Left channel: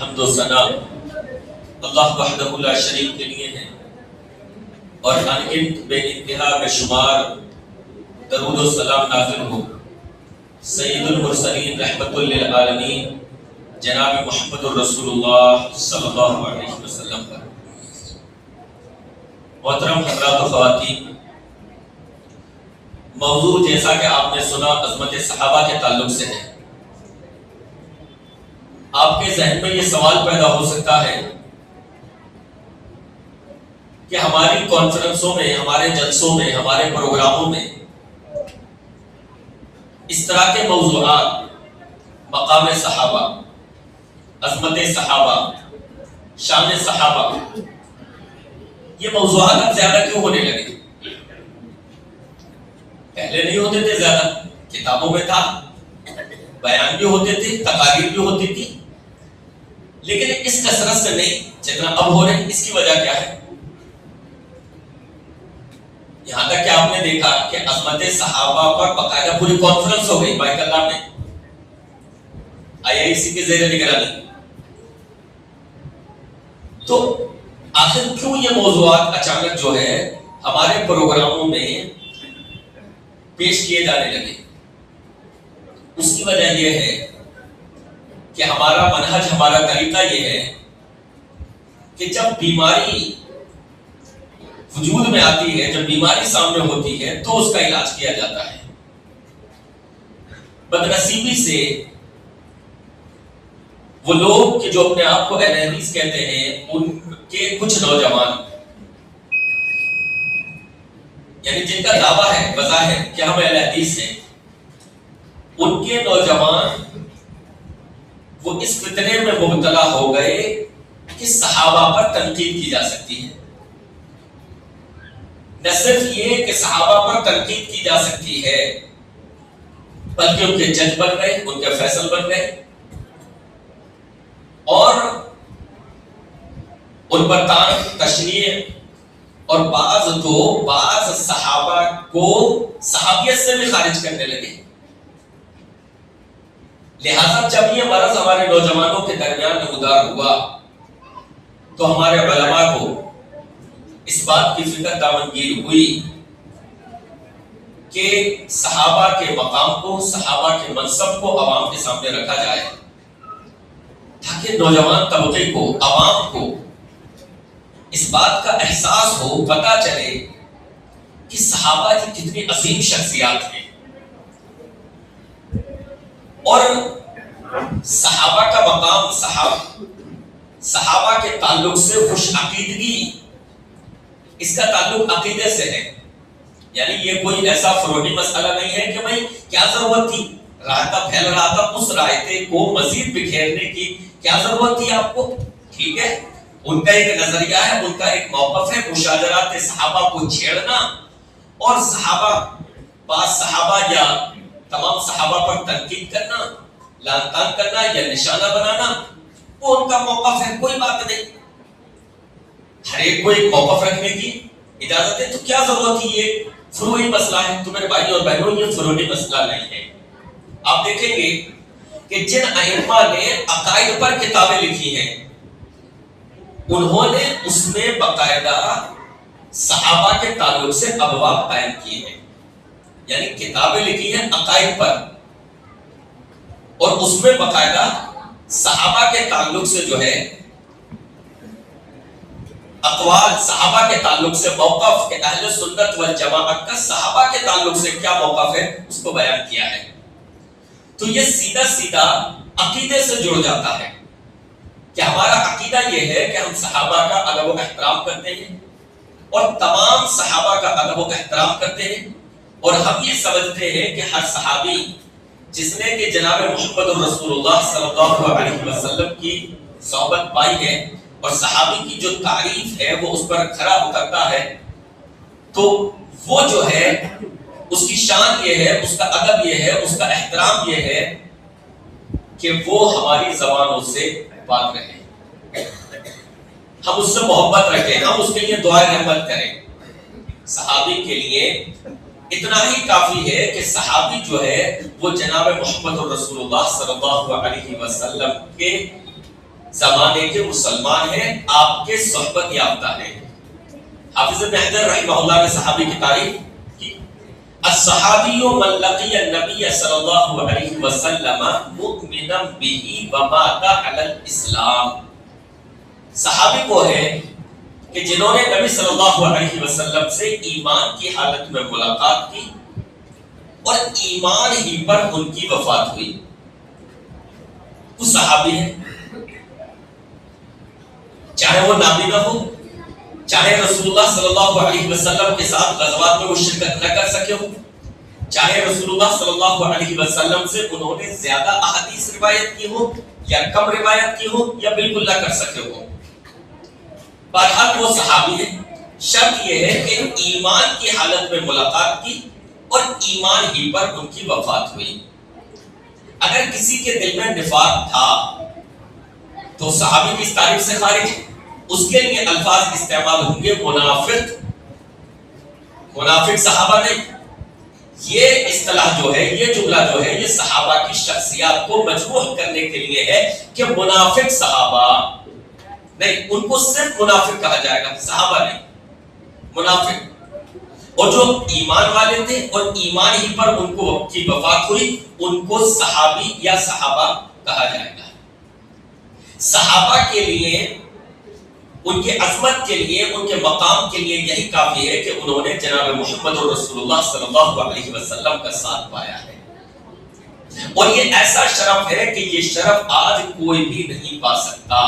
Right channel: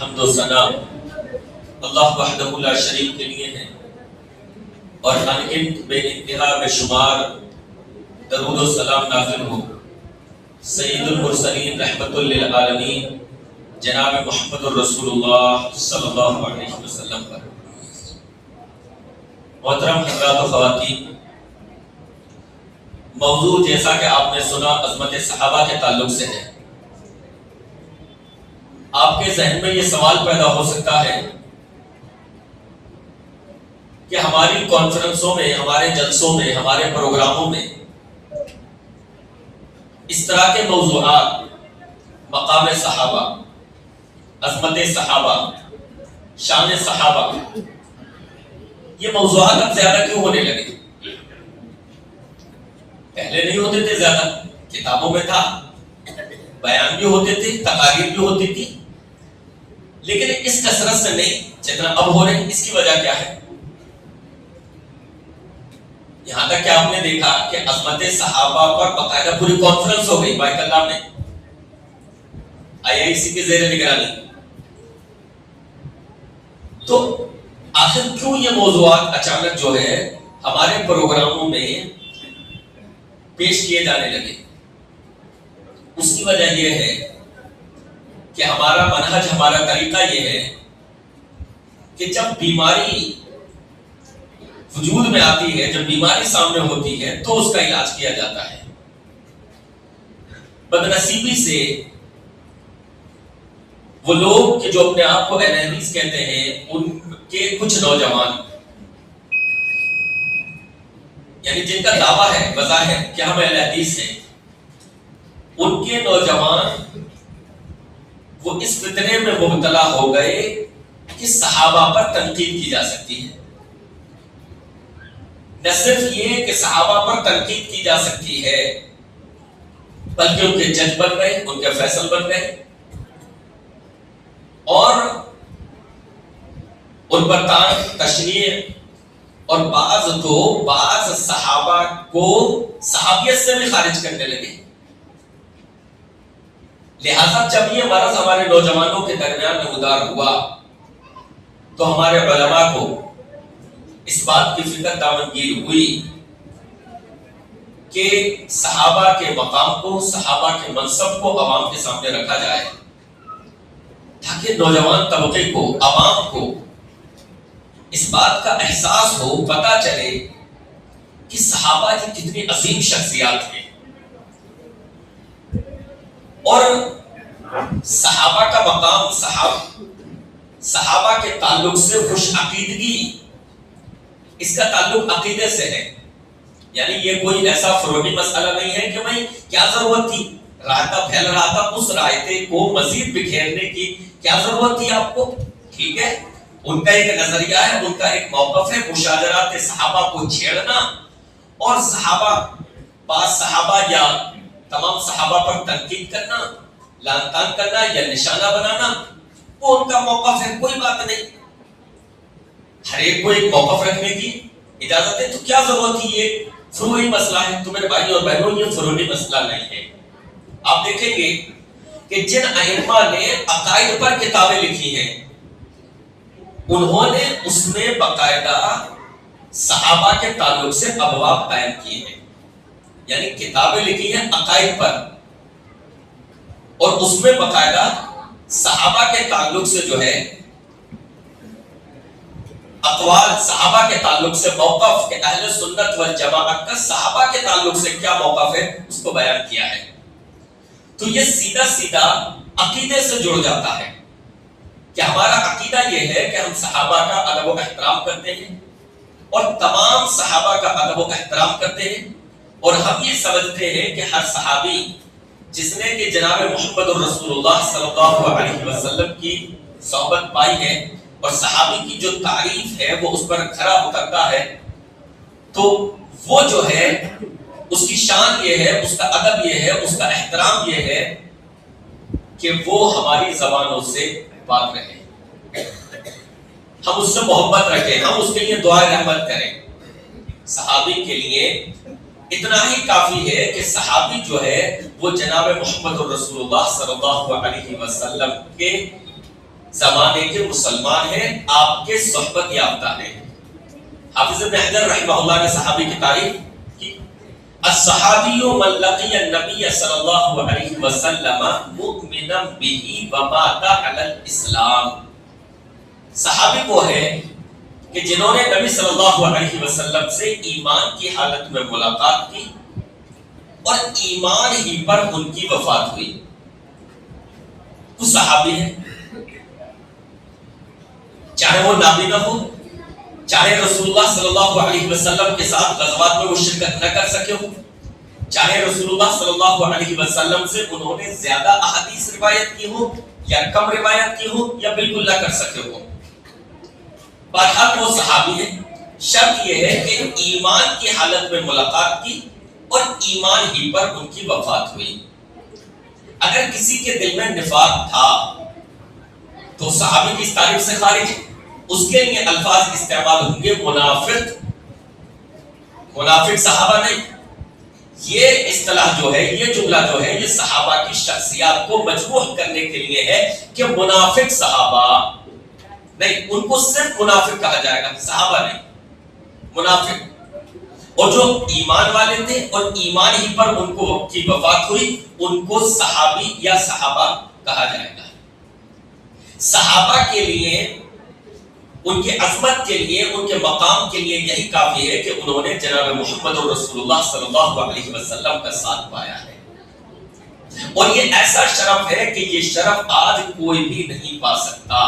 حمد و ثنا اللہ وحدہ لا شریک کے لیے ہے، اور انگنت بے انتہا بے شمار درود و سلام نازل ہو سید المرسلین رحمت للعالمین جناب محمد الرسول اللہ صلی اللہ علیہ وسلم پر۔ محترم حضرات و خواتین، موضوع جیسا کہ آپ نے سنا عظمت صحابہ کے تعلق سے ہے۔ آپ کے ذہن میں یہ سوال پیدا ہو سکتا ہے کہ ہماری کانفرنسوں میں، ہمارے جلسوں میں، ہمارے پروگراموں میں اس طرح کے موضوعات، مقام صحابہ، عظمت صحابہ، شان صحابہ، یہ موضوعات اب زیادہ کیوں ہونے لگے؟ پہلے نہیں ہوتے تھے، زیادہ کتابوں میں تھا، بیان بھی ہوتے تھے، تقاریر بھی ہوتی تھی، لیکن اس کثرت سے نہیں جتنا اب ہو رہے ہیں۔ اس کی وجہ کیا ہے؟ یہاں تک کہ آپ نے دیکھا کہ عظمت صحابہ پر باقاعدہ پوری کانفرنس ہو گئی بیت اللہ میں، IIC کے زیر نگرانی۔ تو آخر کیوں یہ موضوعات اچانک جو ہے ہمارے پروگراموں میں پیش کیے جانے لگے؟ اس کی وجہ یہ ہے کہ ہمارا منہج، ہمارا طریقہ یہ ہے کہ جب بیماری وجود میں آتی ہے، جب بیماری سامنے ہوتی ہے تو اس کا علاج کیا جاتا ہے۔ بدنصیبی سے وہ لوگ کہ جو اپنے آپ کو اہل حدیث کہتے ہیں، ان کے کچھ نوجوان، یعنی جن کا دعویٰ ہے بظاہر کہ ہم اہل حدیث ہیں، ان کے نوجوان وہ اس فتنے میں مبتلا ہو گئے کہ صحابہ پر تنقید کی جا سکتی ہے۔ نہ صرف یہ کہ صحابہ پر تنقید کی جا سکتی ہے، بلکہ ان کے جج بن گئے، ان کے فیصل بن گئے، اور ان پر طعن، تشنیع، اور بعض صحابہ کو صحابیت سے بھی خارج کرنے لگے۔ لہذا جب یہ مرض ہمارے نوجوانوں کے درمیان نمودار ہوا تو ہمارے علماء کو اس بات کی فکر دامنگیر ہوئی کہ صحابہ کے مقام کو، صحابہ کے منصب کو عوام کے سامنے رکھا جائے، تاکہ نوجوان طبقے کو، عوام کو اس بات کا احساس ہو، پتہ چلے کہ صحابہ کی کتنی عظیم شخصیات ہیں، اور صحابہ کا مقام، صحابہ کے تعلق سے خوش عقیدگی، اس کا تعلق عقیدے سے ہے۔ یعنی یہ کوئی ایسا فروغی مسئلہ نہیں ہے کہ بھائی کیا ضرورت تھی، رائتہ پھیل رہا تھا، اس رائتے کو مزید بکھیرنے کی کیا ضرورت تھی آپ کو؟ ٹھیک ہے، ان کا ایک نظریہ ہے، ان کا ایک موقف ہے، مشاجرات صحابہ کو چھیڑنا اور بعض صحابہ یا تمام صحابہ پر تنقید کرنا، لعن طعن کرنا یا نشانہ بنانا، وہ ان کا موقف ہے، کوئی بات نہیں۔ ہر ایک کو ایک موقف رکھنے کی اجازت ہے، تو کیا ضرورت ہے؟ یہ فروعی مسئلہ ہے، تو میرے بھائی اور بہنوں، یہ فروعی مسئلہ نہیں ہے۔ آپ دیکھیں گے کہ جن ائمہ نے عقائد پر کتابیں لکھی ہیں، انہوں نے اس میں باقاعدہ صحابہ کے تعلق سے ابواب قائم کیے ہیں، یعنی کتابیں لکھی ہیں عقائد پر، اور اس میں باقاعدہ صحابہ کے تعلق سے جو ہے اقوال، صحابہ کے تعلق سے موقف، کہ اہل سنت والجماعت کا صحابہ کے تعلق سے کیا موقف ہے، اس کو بیان کیا ہے۔ تو یہ سیدھا عقیدے سے جڑ جاتا ہے کہ ہمارا عقیدہ یہ ہے کہ ہم صحابہ کا ادب و احترام کرتے ہیں، اور تمام صحابہ کا ادب و احترام کرتے ہیں، اور ہم یہ سمجھتے ہیں کہ ہر صحابی جس نے کہ جناب محمد الرسول اللہ صلی اللہ علیہ وسلم کی صحبت پائی ہے، اور صحابی کی جو تعریف ہے وہ اس پر کھرا اترتا ہے، تو وہ جو ہے اس کی شان یہ ہے، اس کا ادب یہ ہے، اس کا احترام یہ ہے کہ وہ ہماری زبانوں سے پاک رہے، ہم اس سے محبت رکھیں، ہم اس کے لیے دعائے رحمت کریں۔ صحابی کے لیے اتنا ہی کافی ہے کہ صحابی جو ہے وہ جناب محمد الرسول اللہ صلی اللہ علیہ وسلم کے زمانے کے مسلمان ہیں، آپ کے صحبت یافتہ ہیں۔ حافظ ابن حجر رحمہ اللہ نے صحابی کی تعریف کی، الصحابی من لقی النبی صلی اللہ علیہ وسلم مؤمنا به ومات علی الاسلام۔ صحابی وہ ہے کہ جنہوں نے نبی صلی اللہ علیہ وسلم سے ایمان کی حالت میں ملاقات کی اور ایمان ہی پر ان کی وفات ہوئی، وہ صحابی ہے۔ چاہے وہ نابینا ہو، چاہے رسول اللہ صلی اللہ علیہ وسلم کے ساتھ غزوات میں وہ شرکت نہ کر سکے ہو، چاہے رسول اللہ صلی اللہ علیہ وسلم سے انہوں نے زیادہ احادیث روایت کی ہو یا کم روایت کی ہو یا بالکل نہ کر سکے ہو، بہرحال وہ صحابی ہے۔ شرط یہ ہے کہ ایمان کی حالت میں ملاقات کی اور ایمان ہی پر ان کی وفات ہوئی۔ اگر کسی کے دل میں نفاق تھا تو صحابی کی اس تعریف سے خارج ہے، اس کے لیے الفاظ استعمال ہوں گے منافق، منافق صحابہ نہیں۔ یہ اصطلاح جو ہے، یہ جملہ جو ہے، یہ صحابہ کی شخصیات کو مجروح کرنے کے لیے ہے کہ منافق صحابہ نہیں، ان کو صرف منافق کہا جائے گا، صحابہ نہیں، منافق۔ اور جو ایمان والے تھے اور ایمان ہی پر ان کو کی وفات ہوئی، ان کو صحابی یا صحابہ کہا جائے گا۔ صحابہ کے لیے، ان کے عظمت کے لیے، ان کے مقام کے لیے یہی کافی ہے کہ انہوں نے جناب محمد رسول اللہ صلی اللہ علیہ وسلم کا ساتھ پایا ہے، اور یہ ایسا شرف ہے کہ یہ شرف آج کوئی بھی نہیں پا سکتا۔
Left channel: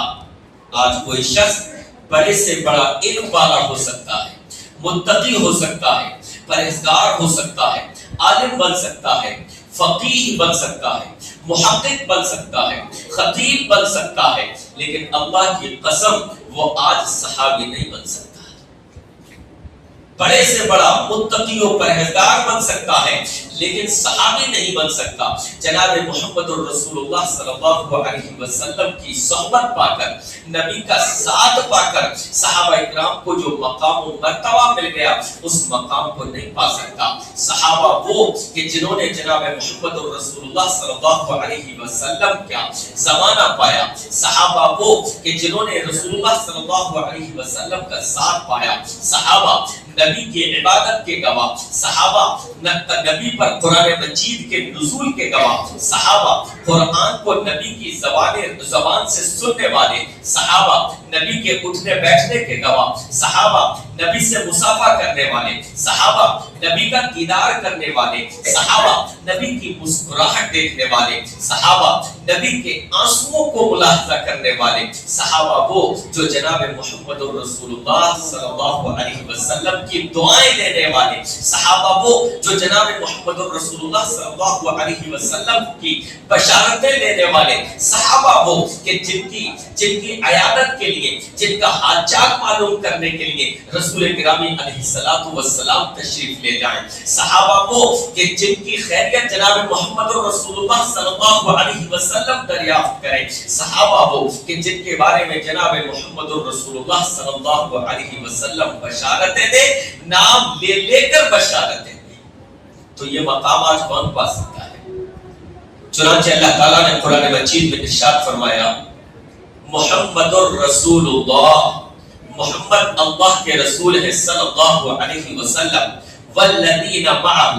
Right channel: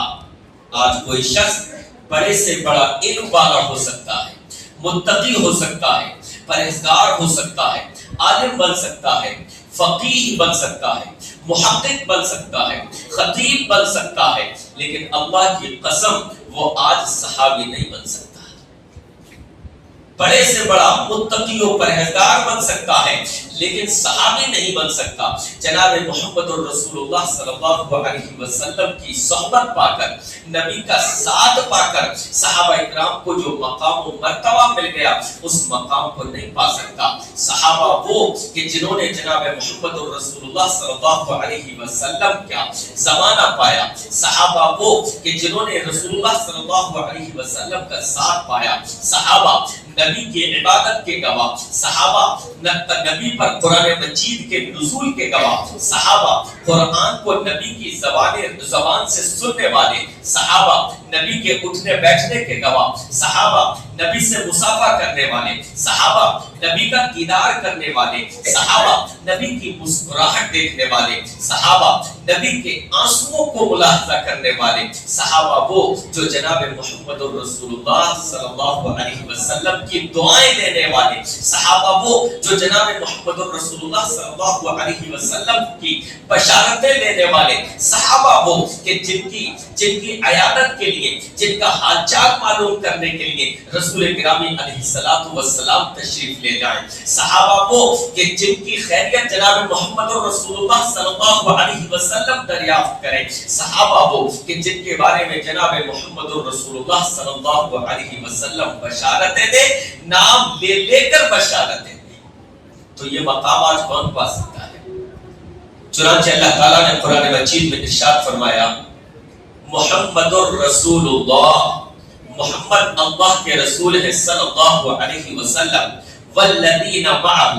آج کوئی شخص بڑے سے بڑا علم والا ہو سکتا ہے، متقی ہو سکتا ہے، پرہیزگار ہو سکتا ہے، عالم بن سکتا ہے، فقیہ بن سکتا ہے، محقق بن سکتا ہے، خطیب بن سکتا ہے، لیکن اللہ کی قسم وہ آج صحابی نہیں بن سکتا۔ بڑے سے بڑا متقی و پرہیزگار بن سکتا ہے، لیکن صحابی نہیں بن سکتا۔ جناب محمد الرسول اللہ صلی اللہ علیہ وسلم کی صحبت پا کر، نبی کا ساتھ پا کر صحابہ اکرام کو جو مقام و مرتبہ مل گیا، اس مقام کو نہیں پا سکتا۔ صحابہ وہ کہ جنہوں نے جناب محمد الرسول اللہ صلی اللہ علیہ وسلم کا زمانہ پایا، صحابہ وہ کہ جنہوں نے رسول اللہ صلی اللہ علیہ وسلم کا ساتھ پایا، صحابہ نبی کی عبادت کے گواہ، صحابہ نبی پر قرآن مجید کے نزول کے گواہ، صحابہ قرآن کو نبی کی زبان سے سننے والے، صحابہ نبی کے اٹھنے بیٹھنے کے گواہ، صحابہ نبی سے مصافحہ کرنے والے، صحابہ نبی کا دیدار کرنے والے، صحابہ نبی کی مسکراہٹ دیکھنے والے، صحابہ نبی کے آنسوؤں کو ملاحظہ کرنے والے، صحابہ وہ جو جناب محمد الرسول اللہ صلی اللہ علیہ وسلم کی دعائیں لینے والے، صحابہ وہ جو جناب محمد الرسول اللہ صلی اللہ علیہ وسلم کی بشارتیں لینے والے، صحابہ وہ کہ جن کی عیادت کے لیے، جن کا حال چال معلوم کرنے کے لیے رسول گرامی علیہ الصلوۃ والسلام تشریف لے جائیں، صحابہ وہ کہ جن کی خیریت جناب محمد الرسول اللہ صلی اللہ علیہ وسلم دریافت کریں، صحابہ وہ کہ جن کے بارے میں جناب محمد الرسول اللہ صلی اللہ علیہ وسلم بشارتیں دے، نام لے لے کر بشارتیں دے۔ تو یہ مقام آج کون پا سکتا ہے؟ چنانچہ اللہ تعالیٰ نے قرآن مجید میں ارشاد فرمایا، محمد الرسول اللہ، محمد اللہ کے رسول ہے صلی اللہ علیہ وسلم، والذین معہ،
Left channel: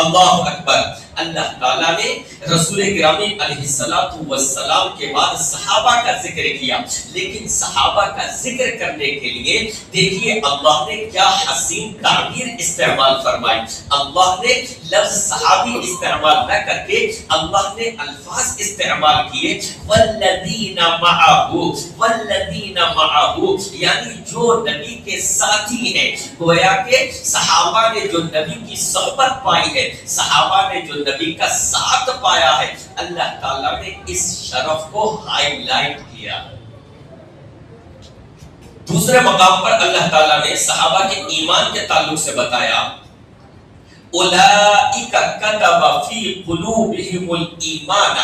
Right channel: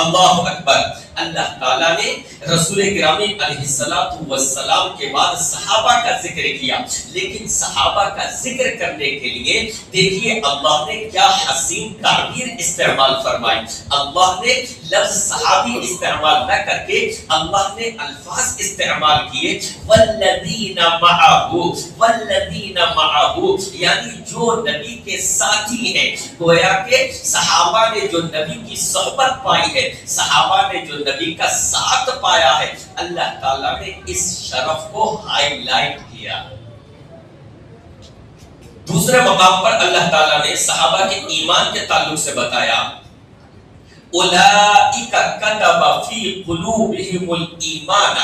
اللہ اکبر۔ اللہ تعالیٰ نے رسول گرامی علیہ الصلوۃ والسلام کے بعد صحابہ کا ذکر کیا، لیکن صحابہ کا ذکر کرنے کے لیے دیکھیے اللہ نے کیا حسین تعبیر استعمال فرمائی۔ اللہ نے لفظ صحابی استعمال نہ کر کے اللہ نے الفاظ استعمال کیے، والذین معہ، والذین معہ، یعنی جو نبی کے ساتھی ہیں۔ گویا کہ صحابہ نے جو نبی کی صحبت پائی ہے، صحابہ نے جو نبی کا ساتھ پایا ہے، اللہ تعالیٰ نے اس شرف کو ہائی لائٹ کیا۔ دوسرے مقام پر اللہ تعالیٰ نے صحابہ کے ایمان کے تعلق سے بتایا، اولئک کتب فی قلوبہم الایمان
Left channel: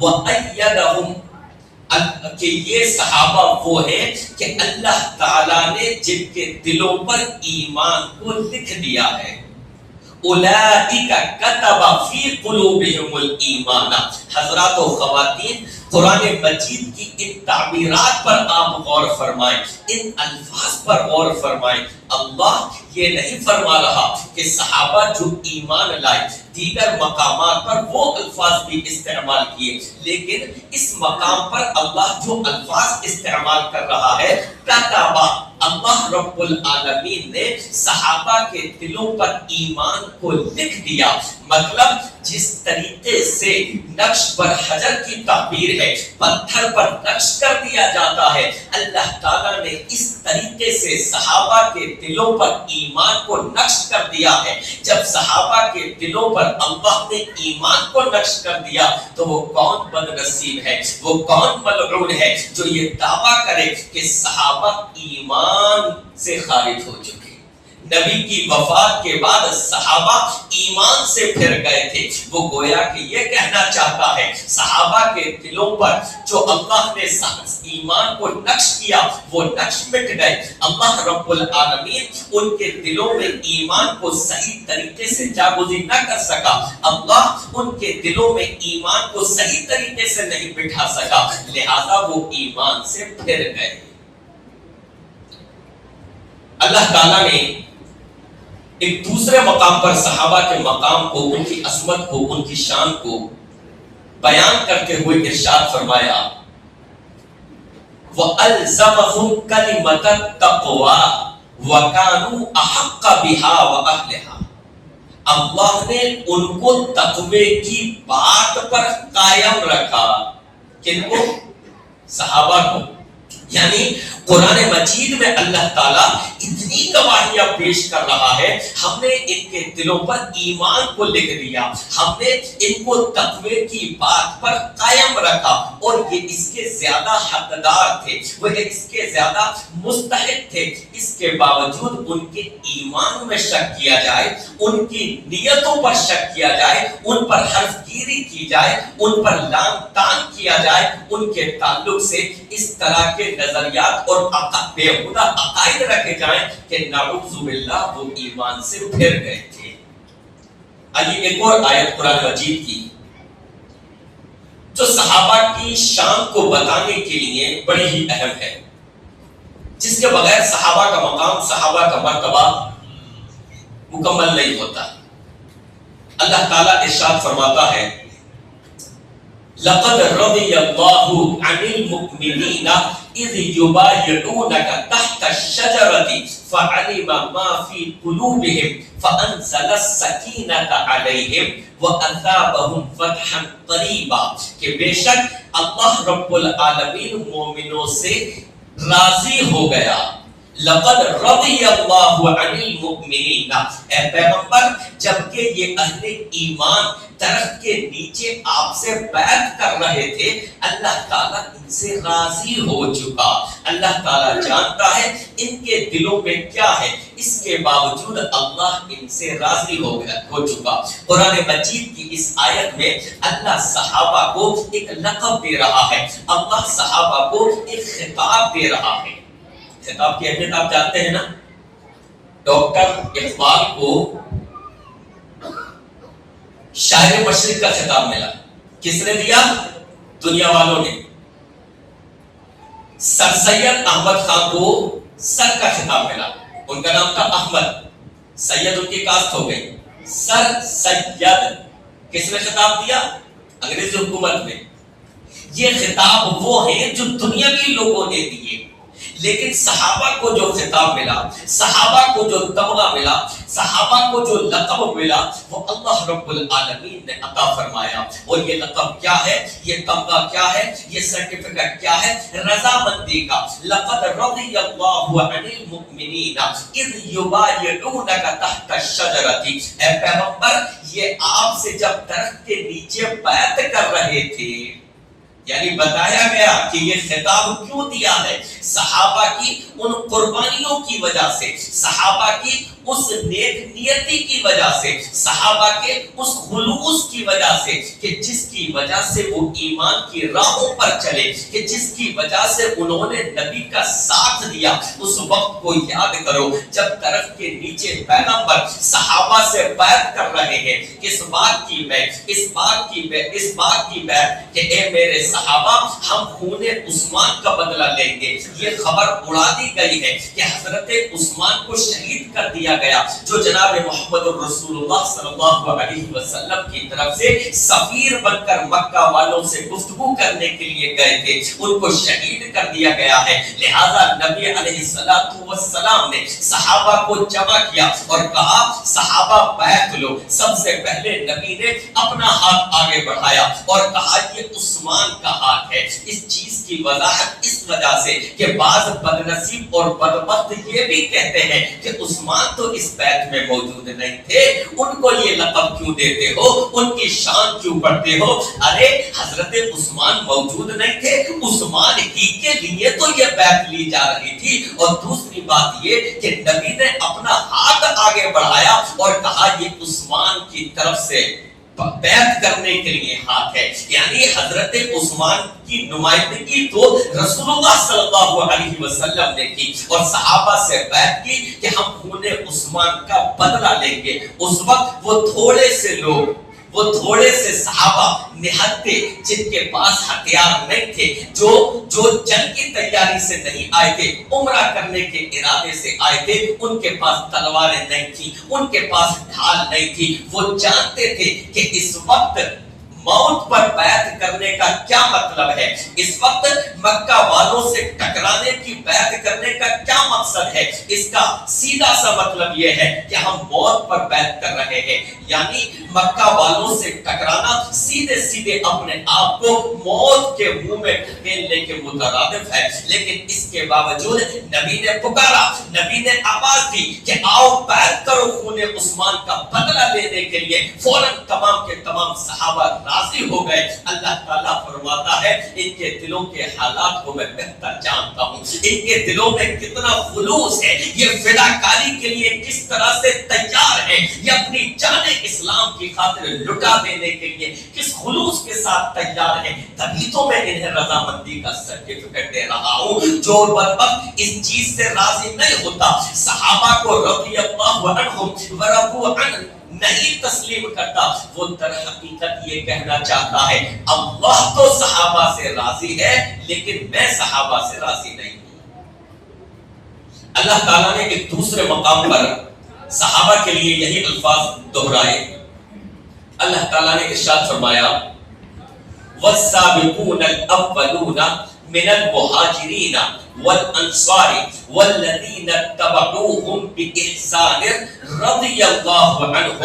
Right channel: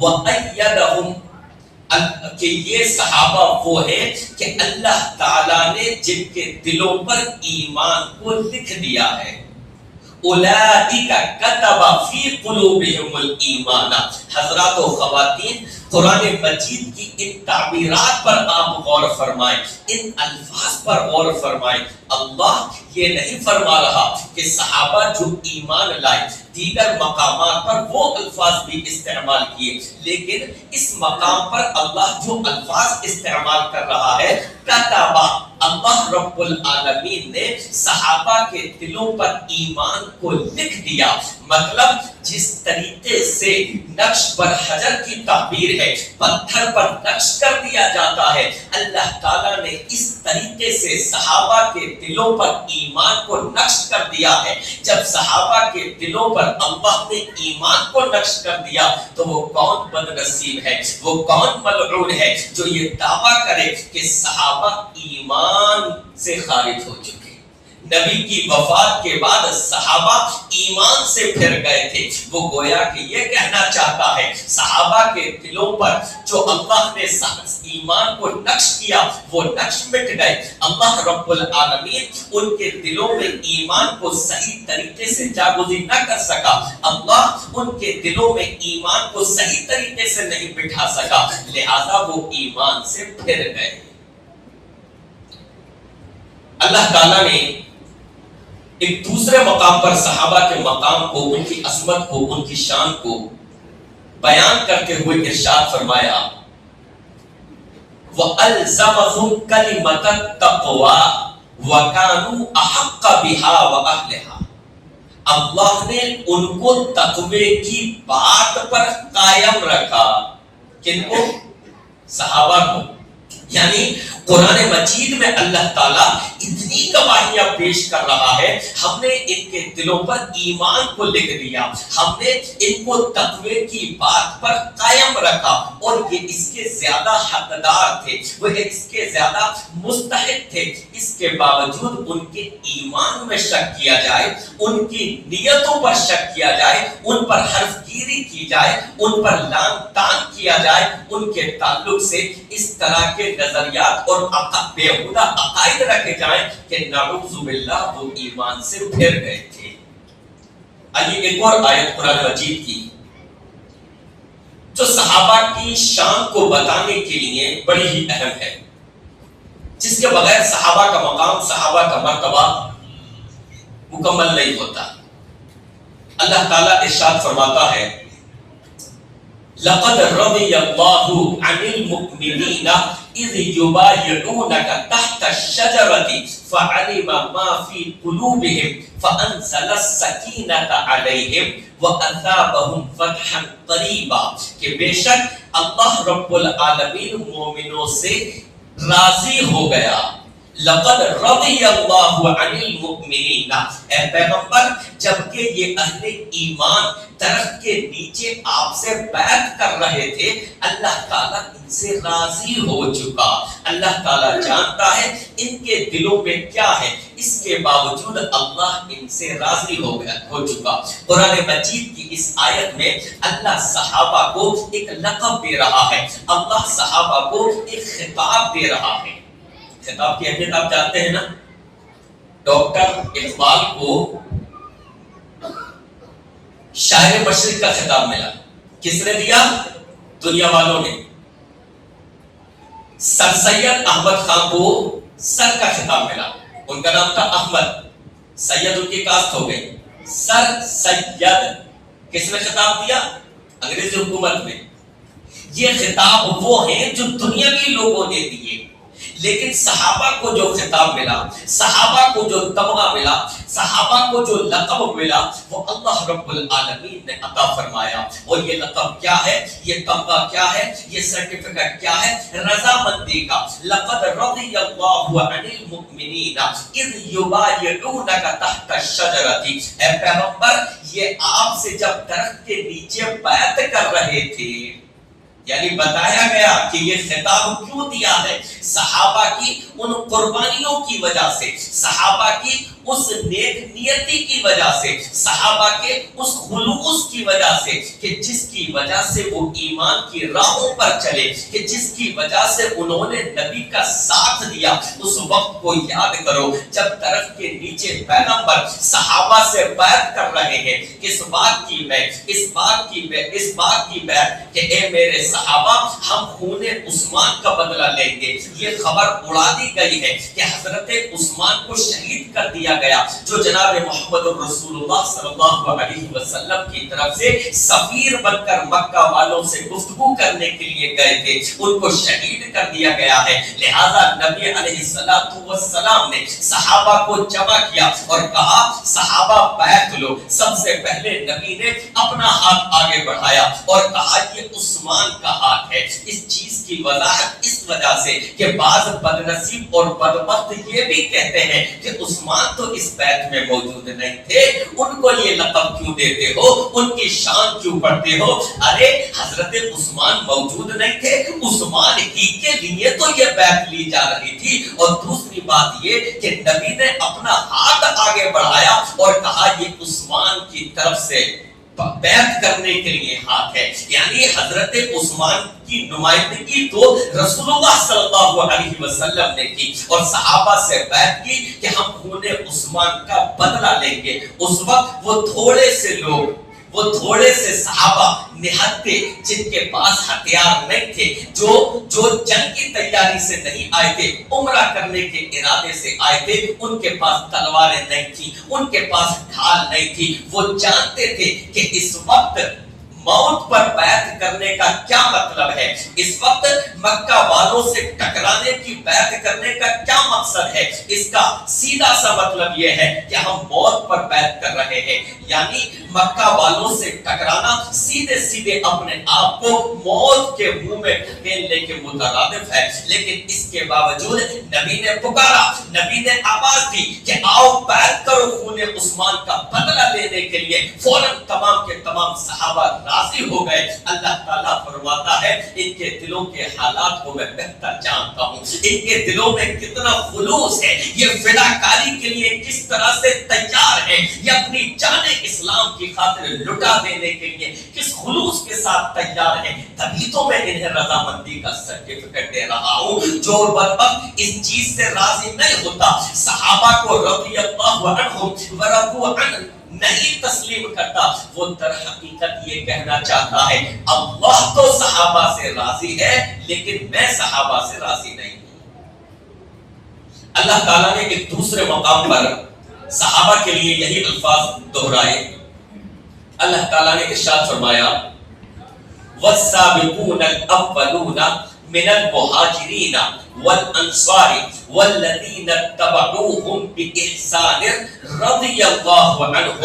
وایدہم، کہ یہ صحابہ وہ ہیں کہ اللہ تعالیٰ نے جن کے دلوں پر ایمان کو لکھ دیا ہے۔ اولئک کتب فی قلوبہم الایمان، حضرات و خواتین قرآن مجید کی ان تعبیرات پر آپ غور فرمائیں، ان الفاظ پر غور فرمائیں۔ اللہ یہ نہیں فرما رہا کہ صحابہ جو ایمان لائے دیگر مقامات پر وہ الفاظ بھی استعمال کیے، لیکن اس مقام پر اللہ جو الفاظ استعمال کر رہا ہے کتابہ، اللہ رب العالمین نے صحابہ کے دلوں پر ایمان کو لکھ دیا۔ مطلب جس طریقے سے نقش پر حجر کی تعبیر ہے، پتھر پر نقش کر دیا جاتا ہے، اللہ تعالیٰ نے اس طریقے سے صحابہ کے دلوں پر ایمان کو نقش کر دیا ہے۔ جب صحابہ کے دلوں پر اللہ نے ایمان کو نقش کر دیا تو وہ کون بد نصیب ہے، وہ کون ملعون ہے جو یہ دعویٰ کرے کہ صحابہ ایمان سے خارج ہو چکے۔ نبی کی وفات کے بعد صحابہ ایمان سے پھر گئے تھے۔ وہ گویا کہ یہ کہنا چاہتا ہے صحابہ کے دلوں پر جو اللہ نے ایمان کو نقش کیا وہ نقش مٹ گئے۔ اللہ رب العالمین ان کے دلوں میں ایمان کو صحیح طریقے سے جاگزین نہ کر سکا، اللہ ان کے دلوں میں ایمان کو صحیح طریقے سے نہیں بٹھا سکا، لہذا وہ ایمان سے پھر گئے۔ اللہ تعالیٰ نے ایک دوسرے مقام پر صحابہ کے مقام کو، ان کی عظمت کو، ان کی شان کو بیان کرتے ہوئے ارشاد فرمایا وَأَلْزَمَهُمْ كَلِمَةَ التَّقْوَى وَكَانُوا أَحَقَّ بِهَا وَأَهْلِهَا، اللہ نے ان کو تقوی کی بات پر قائم رکھا۔ کن کو؟ صحابہ کو۔ یعنی قرآن مجید میں اللہ تعالیٰ اتنی گواہیاں پیش کر رہا ہے، ہم نے ان کے دلوں پر ایمان کو لکھ دیا، ہم نے ان کو تقوی کی بات پر قائم رکھا، اور یہ اس کے زیادہ حقدار تھے، وہ اس کے زیادہ مستحق تھے۔ اس کے باوجود ان کے ایمان میں شک کیا جائے، ان کی نیتوں پر شک کیا جائے، ان پر حرف گیری کی جائے، ان پر لام تان کیا جائے، ان کے تعلق سے اس طرح کے نظریات اور بیہودہ عقائد رکھے جائیں کہ نعوذ باللہ وہ ایمان سے پھر گئے تھے۔ آئیے ایک اور آیت قرآن مجید کی جو صحابہ کی شان کو بتانے کے لیے بڑی ہی اہم ہے، جس کے بغیر صحابہ کا مقام، صحابہ کا مرتبہ مکمل نہیں ہوتا۔ اللہ تعالیٰ ارشاد فرماتا ہے لَقَدْ رَضِيَ اللَّهُ عَنِ الْمُؤْمِنِينَ إِذْ يُبَايِعُونَكَ تَحْتَ الشَّجَرَةِ فَعَلِمَ مَا فِي قُلُوبِهِمْ فَأَنزَلَ السَّكِينَةَ عَلَيْهِمْ وَأَثَابَهُمْ فَتْحًا قَرِيبًا، کہ بے شک اللہ رب العالمین مومنوں سے راضی ہو گیا۔ لقد رضی اللہ عن المؤمنین، اے پیغمبر جبکہ یہ اہل ایمان درخت کے نیچے آپ سے بیعت کر رہے تھے، اللہ تعالیٰ ان سے راضی ہو چکا۔ اللہ تعالیٰ جانتا ہے ان کے دلوں میں کیا ہے، اس کے باوجود اللہ ان سے راضی ہو چکا۔ قرآن مجید کی اس آیت میں اللہ صحابہ کو ایک لقب دے رہا ہے، اللہ صحابہ کو ایک خطاب دے رہا ہے۔ خطاب کی اہمیت آپ جانتے ہیں نا؟ ڈاکٹر اقبال کو شاعر مشرق کا خطاب ملا، کس نے دیا؟ دنیا والوں نے۔ سر سید احمد خان کو سر کا خطاب ملا، ان کا نام تھا احمد، سید ان کی کاسٹ ہو گئی، سر سید کس نے خطاب دیا؟ انگریزی حکومت میں۔ یہ خطاب وہ ہیں جو دنیاوی لوگوں نے دیے، لیکن صحابہ کو جو خطاب ملا، صحابہ کو جو تمغہ ملا، صحابہ کو جو لقب ملا، وہ اللہ رب العالمین نے عطا فرمایا۔ اور یہ لقب کیا ہے، یہ تمغہ کیا ہے، یہ سرٹیفکیٹ کیا ہے؟ رضامندی کا۔ لقد رضی اللہ عن المؤمنین اذ یبایعونک تحت الشجرۃ، اے پیغمبر یہ آپ سے جب درخت کے نیچے بیعت کر رہے تھے، یعنی بتایا گیا کہ یہ خطاب کیوں دیا ہے، صحابہ کی ان قربانیوں کی وجہ سے، صحابہ کی اس نیک نیتی کی وجہ سے، صحابہ کے اس خلوص کی وجہ سے کہ جس کی وجہ سے وہ ایمان کی راہوں پر چلے، کہ جس کی وجہ سے انہوں نے نبی کا ساتھ دیا، اس وقت کو یاد کرو جب درخت کے نیچے پیغمبر صحابہ سے بیعت کر رہے ہیں، کس بات کی بیعت؟ اس بات کی بیعت کہ اے میرے صحابہ، ہم خون عثمان کا بدلہ لیں گے۔ یہ خبر اڑا دی گئی ہے کہ حضرت عثمان کو شہید کر دیا گیا، جو جناب محمد رسول اللہ صلی اللہ علیہ وسلم کی طرف سے سفیر بن کر مکہ والوں سے گفتگو کرنے کے لیے گئے تھے، ان کو شہید کر دیا گیا ہے۔ لہذا نبی علیہ السلام نے صحابہ کو جمع کیا اور کہا صحابہ بیعت لو۔ سب سے پہلے نبی نے اپنا ہاتھ آگے بڑھایا اور کہا یہ عثمان کا ہاتھ ہے۔ اس چیز کی وضاحت اس وجہ سے کہ بعض بدنصیب اور بدبخت یہ بھی کہتے ہیں کہ عثمان تو اس بیعت میں موجود نہیں تھے، ان کو یہ لقب کیوں دیتے ہو، ان کی شان کیوں پڑھتے ہو؟ ارے حضرت عثمان موجود نہیں تھے، عثمان ہی کے لیے تو یہ بیعت لی جا رہی تھی۔ اور دوسری بات یہ کہ نبی نے اپنا ہاتھ آگے بڑھایا اور کہا یہ عثمان کی طرف سے بیعت کرنے کے لیے ہاتھ ہے، یعنی حضرت عثمان کی نمائندگی تو رسول اللہ صلی اللہ علیہ وسلم نے کی اور صحابہ سے بیعت کی کہ ہم خون عثمان کا بدلہ لیں گے۔ اس وقت وہ تھوڑے سے صحابہ نہتے جن کے پاس ہتھیار نہیں تھے، جو جنگ کی تیاری سے نہیں آئے تھے، عمرہ کرنے کے ارادے سے آئے تھے، ان کے پاس تلواریں نہیں تھی، ان کے پاس ڈھال نہیں تھی۔ وہ جانتے تھے کہ اس وقت موت پر بیعت کرنے کا کیا مطلب ہے، اس وقت مکہ والوں سے ٹکرانے کی بیعت کرنے کا کیا مقصد ہے۔ اس کا سیدھا سا مطلب یہ ہے کہ ہم موت پر بیعت کر رہے ہیں، یعنی مکہ والوں سے ٹکرانا سیدھے اپنے آپ کو موت کے منہ میں ڈھکیلنے کے مترادف ہے۔ لیکن اس کے باوجود نبی نے پکارا، نبی نے آواز دی کہ آؤ بیعت کرو خون عثمان کا بدلہ لینے کے لیے۔ فوراً تمام کے تمام صحابہ راضی ہو گئے۔ اللہ تعالیٰ فرماتا ہے ان کے دلوں کے حالات کو میں بہتر جانتا ہوں، ان کے دلوں میں کتنا خلوص ہے، یہ فداکاری کے لیے کس طرح سے تیار ہے، یہ اپنی جان اسلام کی خاطر لٹا دینے کے لیے کس خلوص کے ساتھ تیار ہے۔ تبھی تو میں انہیں رضامندی کا سرٹیفکیٹ دے رہا ہوں۔ جو بدبخت اس چیز سے راضی نہیں ہوتا، صحابہ کو رضی اللہ عنہم ورضوا عنہ نہیں تسلیم کرتا، وہ در حقیقت یہ کہنا چاہتا ہے اللہ تو صحابہ سے راضی ہے لیکن میں صحابہ سے راضی نہیں ہوں۔ اللہ تعالیٰ نے ایک دوسرے مقام پر صحابہ کے لیے یہی الفاظ دہرائے۔ اللہ تعالیٰ نے ارشاد فرمایا والسابقون الاولون من المہاجرین والانصار والذین اتبعوهم بإحسان رضی اللہ عنہم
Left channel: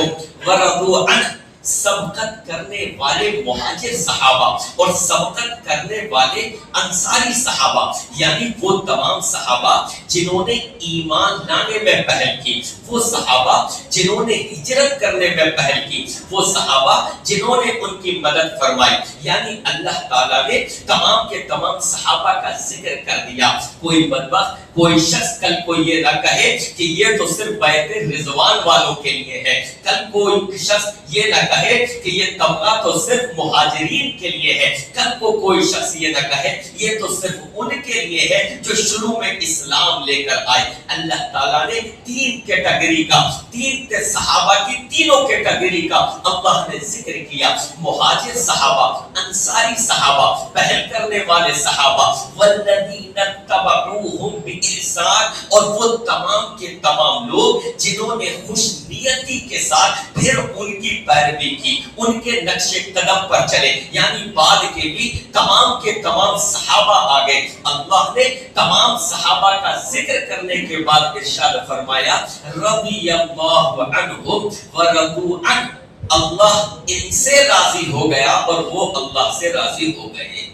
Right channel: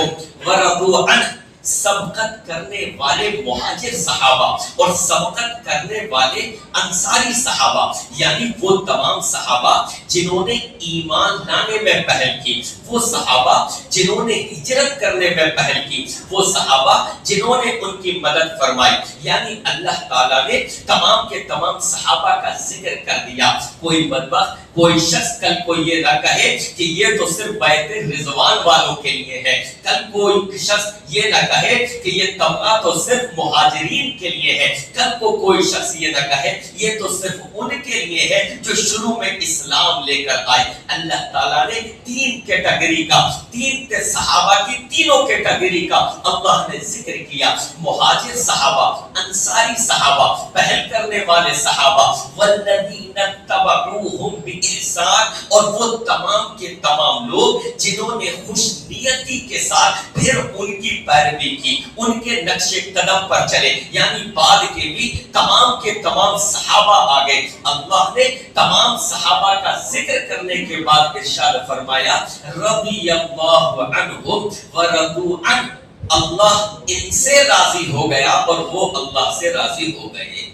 ورضوا عنہ۔ سبقت کرنے والے مہاجر صحابہ اور سبقت کرنے والے انصاری صحابہ، یعنی وہ تمام صحابہ جنہوں نے ایمان لانے میں پہل کی، وہ صحابہ جنہوں نے ہجرت کرنے میں پہل کی، وہ صحابہ جنہوں نے ان کی مدد فرمائی۔ یعنی اللہ تعالیٰ نے تمام کے تمام صحابہ کا ذکر کر دیا۔ کوئی بدبخت، کوئی شخص کل کو یہ نہ کہے کہ یہ تو صرف بیعت رضوان والوں کے لیے ہے، کل کوئی شخص یہ نہ کہے کہ یہ طبقہ تو صرف مہاجرین کے لیے ہے، کل کو کوئی شخص یہ نہ کہے یہ تو صرف ان کے لیے ہے جو شروع میں اسلام لے کر آئے۔ اللہ تعالیٰ نے تین کیٹیگری کا، تین صحابہ کی تینوں کیٹیگری کا اللہ نے ذکر کیا۔ مہاجر صحابہ، انصاری صحابہ، پہل کرنے والے صحابہ، والذین اتبعوہم بإحسان، اور وہ تمام کے تمام لوگ جنہوں نے خوش نیتی کے ساتھ پھر ان کی پیروی کی، ان کے نقش قدم پر چلے، یعنی بعد کے بھی تمام کے تمام صحابہ آگے۔ اللہ نے تمام صحابہ کا ذکر کرنے کے بعد ارشاد فرمایا رضی اللہ عنہم ورضوا عنہ، اللہ ان سے راضی ہو گیا اور وہ اللہ سے راضی ہو گئے۔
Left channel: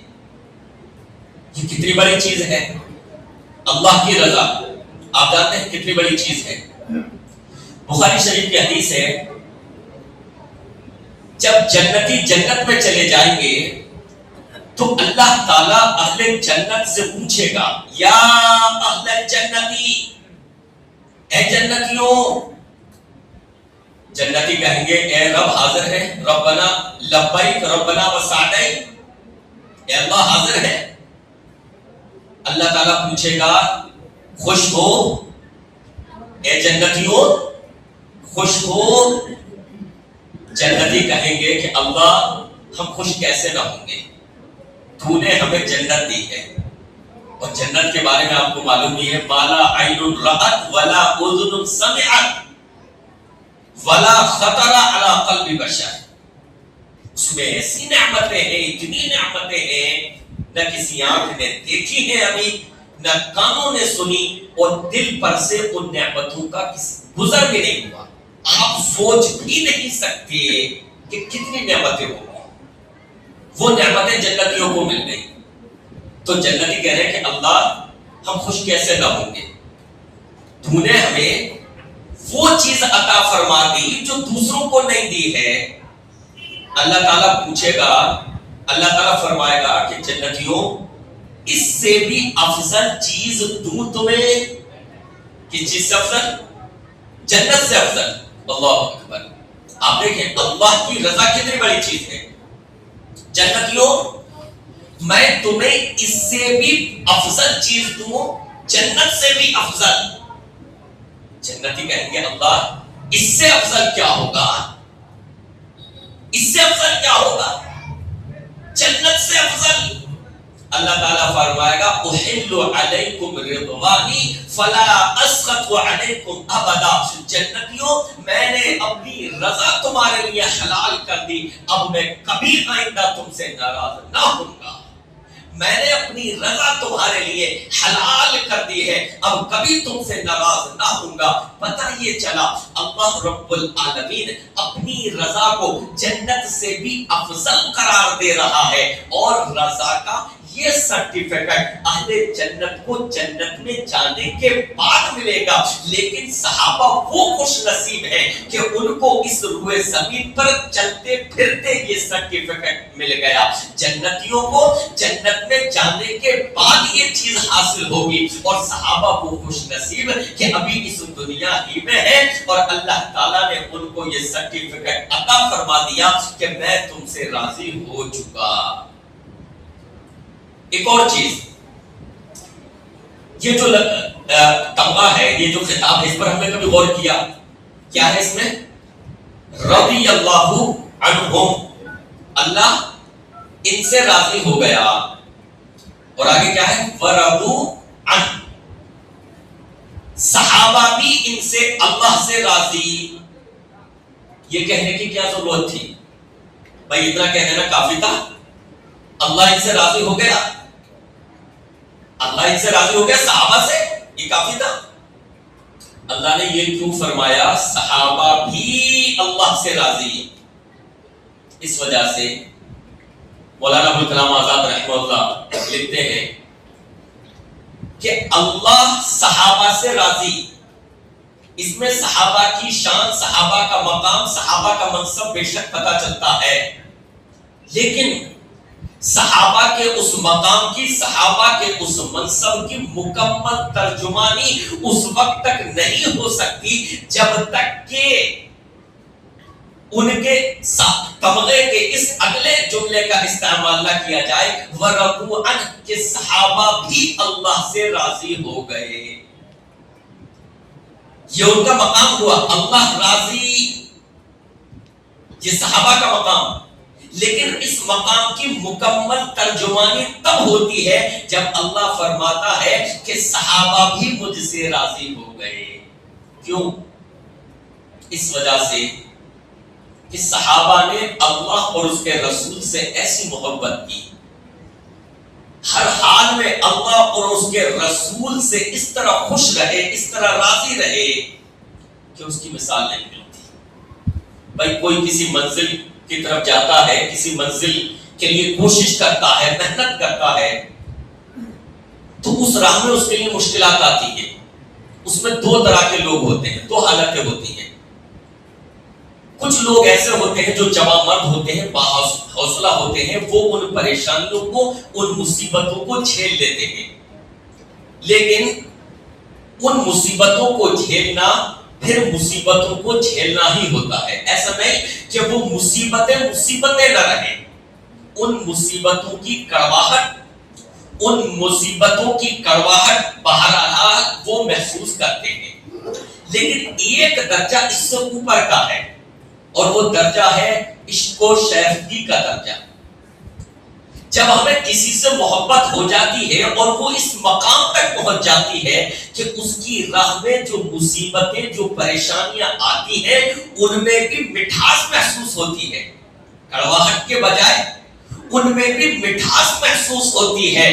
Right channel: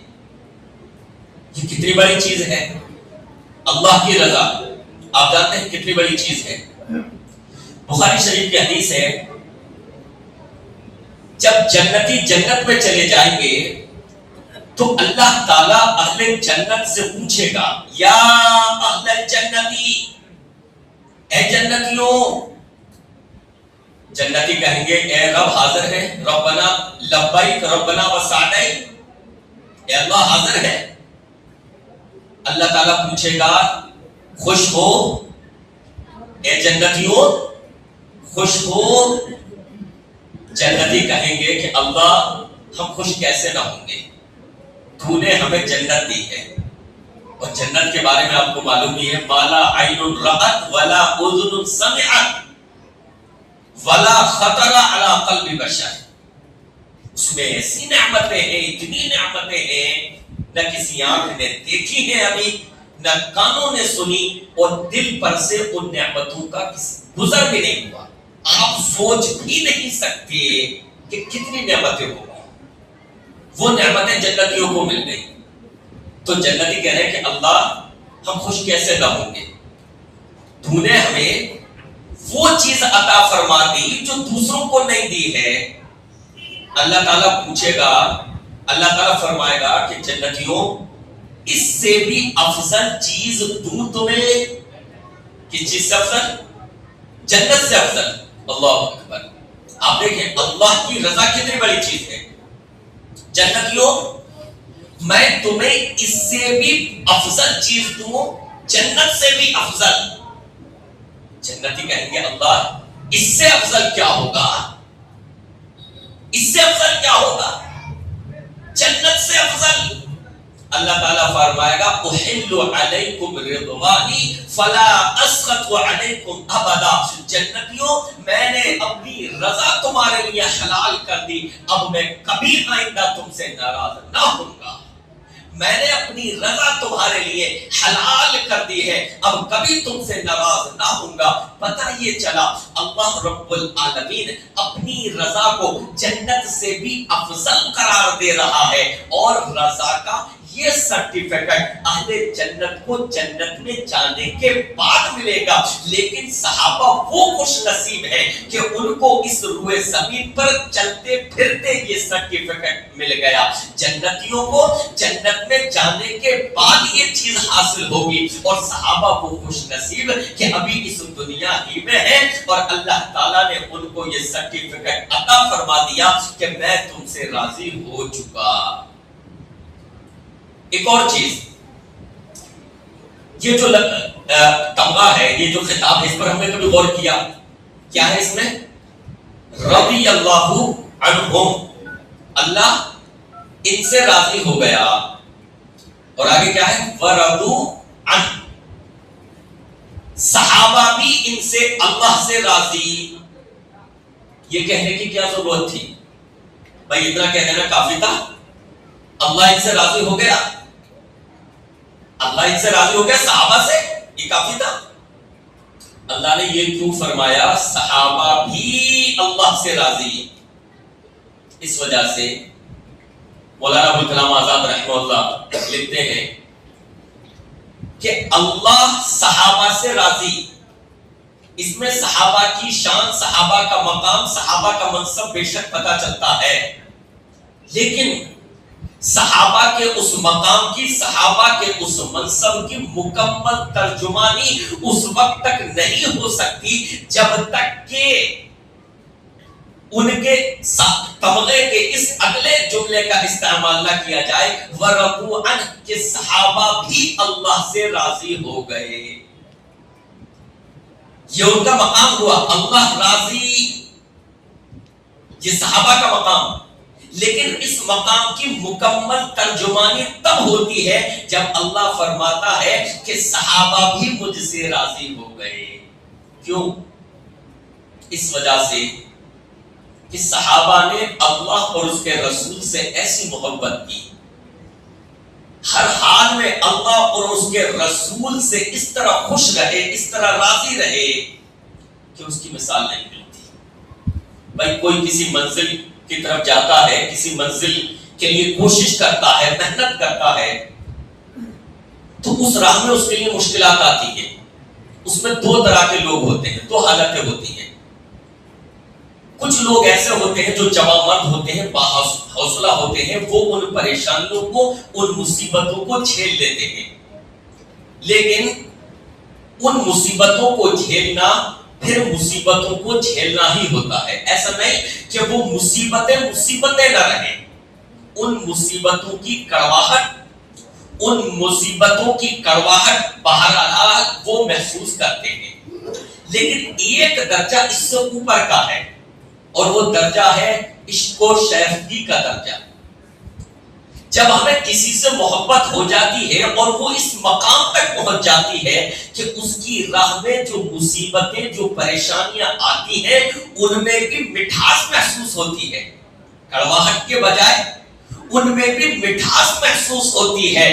یہ کتنی بڑی چیز ہے، اللہ کی رضا۔ آپ جانتے ہیں کتنی بڑی چیز ہے۔ بخاری شریف کی حدیث ہے جب جنتی جنت میں چلے جائیں گے تو اللہ تعالیٰ اہل جنت سے پوچھے گا یا اہل جنتی، اے جنتیوں جنتی کہیں گے اے رب حاضر ہے، ربنا لبیک ربنا وسعدیک، اے اللہ حاضر ہے۔ اللہ تعالیٰ پوچھے گا خوش ہو اے جنتیوں، خوش ہو؟ جنتی کہیں گے کہ اللہ ہم خوش کیسے نہ ہوں گے، تو نے ہمیں جنت دی ہے، اور جنت کے بارے میں آپ کو معلوم ہی ہے، مالا عین رأت ولا اذن سمعت ولا خطر علی قلب بشر، اس میں ایسی نعمتیں ہیں، اتنی نعمتیں ہیں، نہ کسی آنکھ نے دیکھی ہیں ابھی، نہ کانوں نے سنی، اور دل پر سے ان نعمتوں کا گزر بھی نہیں ہوا۔ آپ سوچ بھی نہیں سکتے کہ کتنی نعمتیں ہوں گی، وہ نعمتیں جنتیوں کو مل گئی۔ تو جنتی کہہ رہے ہیں کہ اللہ ہم خوش کیسے نہ ہوں گے، تو نے ہمیں وہ چیز عطا فرما دی جو دوسروں کو نہیں دی ہے۔ اللہ تعالیٰ پوچھے گا، اللہ تعالیٰ فرمائے گا کہ جنتیوں اس سے بھی افضل چیز دوں تمہیں، کس چیز سے افضل؟ جنت سے افضل۔ اللہ اکبر، آپ دیکھیں اللہ کی رضا کتنی بڑی چیز ہے۔ جنتیوں میں تمہیں اس سے بھی افضل چیز دوں، جنت سے بھی افضل۔ جنتی کہیں گے اللہ اس سے افضل کیا ہوگا، اس سے افضل کیا ہوگا، جنت سے افضل؟ اللہ تعالیٰ فرمائے گا احل علیکم رضوانی فلا اسخط علیکم ابدا، جنتیوں میں نے اپنی رضا تمہارے لیے حلال کر دی، اب میں کبھی آئندہ تم سے ناراض نہ ہوں گا۔ میں نے اپنی رضا تمہارے لیے حلال کر دی ہے، اب کبھی تم سے ناراض نہ ہوں گا۔ پتہ یہ چلا اللہ رب العالمین اپنی رضا کو جنت سے بھی افضل قرار دے رہا ہے، اور رضا کا یہ سرٹیفکیٹ اہل جنت کو جنت میں جانے کے بعد ملے گا، لیکن صحابہ وہ خوش نصیب ہیں کہ ان کو اس روئے زمین پر چلتے پھرتے یہ سرٹیفکیٹ مل گیا۔ جنتیوں کو جنت میں جانے کے بعد یہ چیز حاصل ہوگی، اور صحابہ وہ خوش نصیب کہ ابھی اس دنیا ہی میں ہے، اور اللہ تعالیٰ نے ان کو یہ سرٹیفکیٹ عطا فرما دیا کہ میں تم سے راضی ہو چکا۔ ایک اور چیز، یہ جو تمغہ ہے، یہ جو خطاب ہے، اس پر ہم نے کبھی غور کیا؟ کیا ہے اس میں؟ رضی اللہ عنہم، اللہ ان سے راضی ہو گیا، اور آگے کیا ہے؟ ورضوا عنہ، صحابہ بھی ان سے اللہ سے راضی۔ یہ کہنے کی کیا ضرورت تھی؟ بھائی اتنا کہہ دینا کافی تھا، اللہ ان سے راضی ہو گیا، اللہ ان سے راضی ہو گیا صحابہ سے، یہ کافی تھا؟ اللہ نے یہ کیوں فرمایا صحابہ بھی اللہ سے راضی؟ اس وجہ سے مولانا ابوالکلام آزاد رحمہ اللہ لکھتے ہیں کہ اللہ صحابہ سے راضی، اس میں صحابہ کی شان، صحابہ کا مقام، صحابہ کا منصب بے شک پتہ چلتا ہے، لیکن صحابہ کے اس مقام کی، صحابہ کے اس منصب کی مکمل ترجمانی اس وقت تک نہیں ہو سکتی جب تک کہ ان کے تمغے کے اس اگلے جملے کا استعمال نہ کیا جائے، ورضوا عنہ، کہ صحابہ بھی اللہ سے راضی ہو گئے۔ یہ ان کا مقام ہوا، اللہ راضی، یہ صحابہ کا مقام، لیکن اس مقام کی مکمل ترجمانی تب ہوتی ہے جب اللہ فرماتا ہے کہ صحابہ بھی مجھ سے راضی ہو گئے۔ کیوں؟ اس وجہ سے کہ صحابہ نے اللہ اور اس کے رسول سے ایسی محبت کی، ہر حال میں اللہ اور اس کے رسول سے اس طرح خوش رہے، اس طرح راضی رہے کہ اس کی مثال نہیں ملتی۔ بھائی کوئی کسی منزل کی طرف جاتا ہے، کسی منزل کے لیے کوشش کرتا ہے، محنت کرتا ہے، تو اس راہ میں اس کے لیے مشکلات آتی ہیں۔ اس میں دو طرح کے لوگ ہوتے ہیں، دو حالتیں ہوتی ہیں۔ کچھ لوگ ایسے ہوتے ہیں جو جوان مرد ہوتے ہیں، حوصلہ ہوتے ہیں، وہ ان پریشانیوں کو، ان مصیبتوں کو جھیل لیتے ہیں، لیکن ان مصیبتوں کو جھیلنا پھر مصیبتوں کو جھیلنا ہی ہوتا ہے. ایسا نہیں کہ وہ مصیبتیں نہ رہیں. ان مصیبتوں کی کڑواہٹ بہرحال وہ محسوس کرتے ہیں. لیکن ایک درجہ اس سے اوپر کا ہے اور وہ درجہ ہے عشق و شیفتگی کا درجہ. جب ہمیں کسی سے محبت ہو جاتی ہے اور وہ اس مقام تک پہنچ جاتی ہے کہ اس کی راہ میں جو مصیبتیں جو پریشانیاں آتی ہیں ان میں بھی مٹھاس محسوس ہوتی ہے، کڑواہٹ کے بجائے ان میں بھی مٹھاس محسوس ہوتی ہے.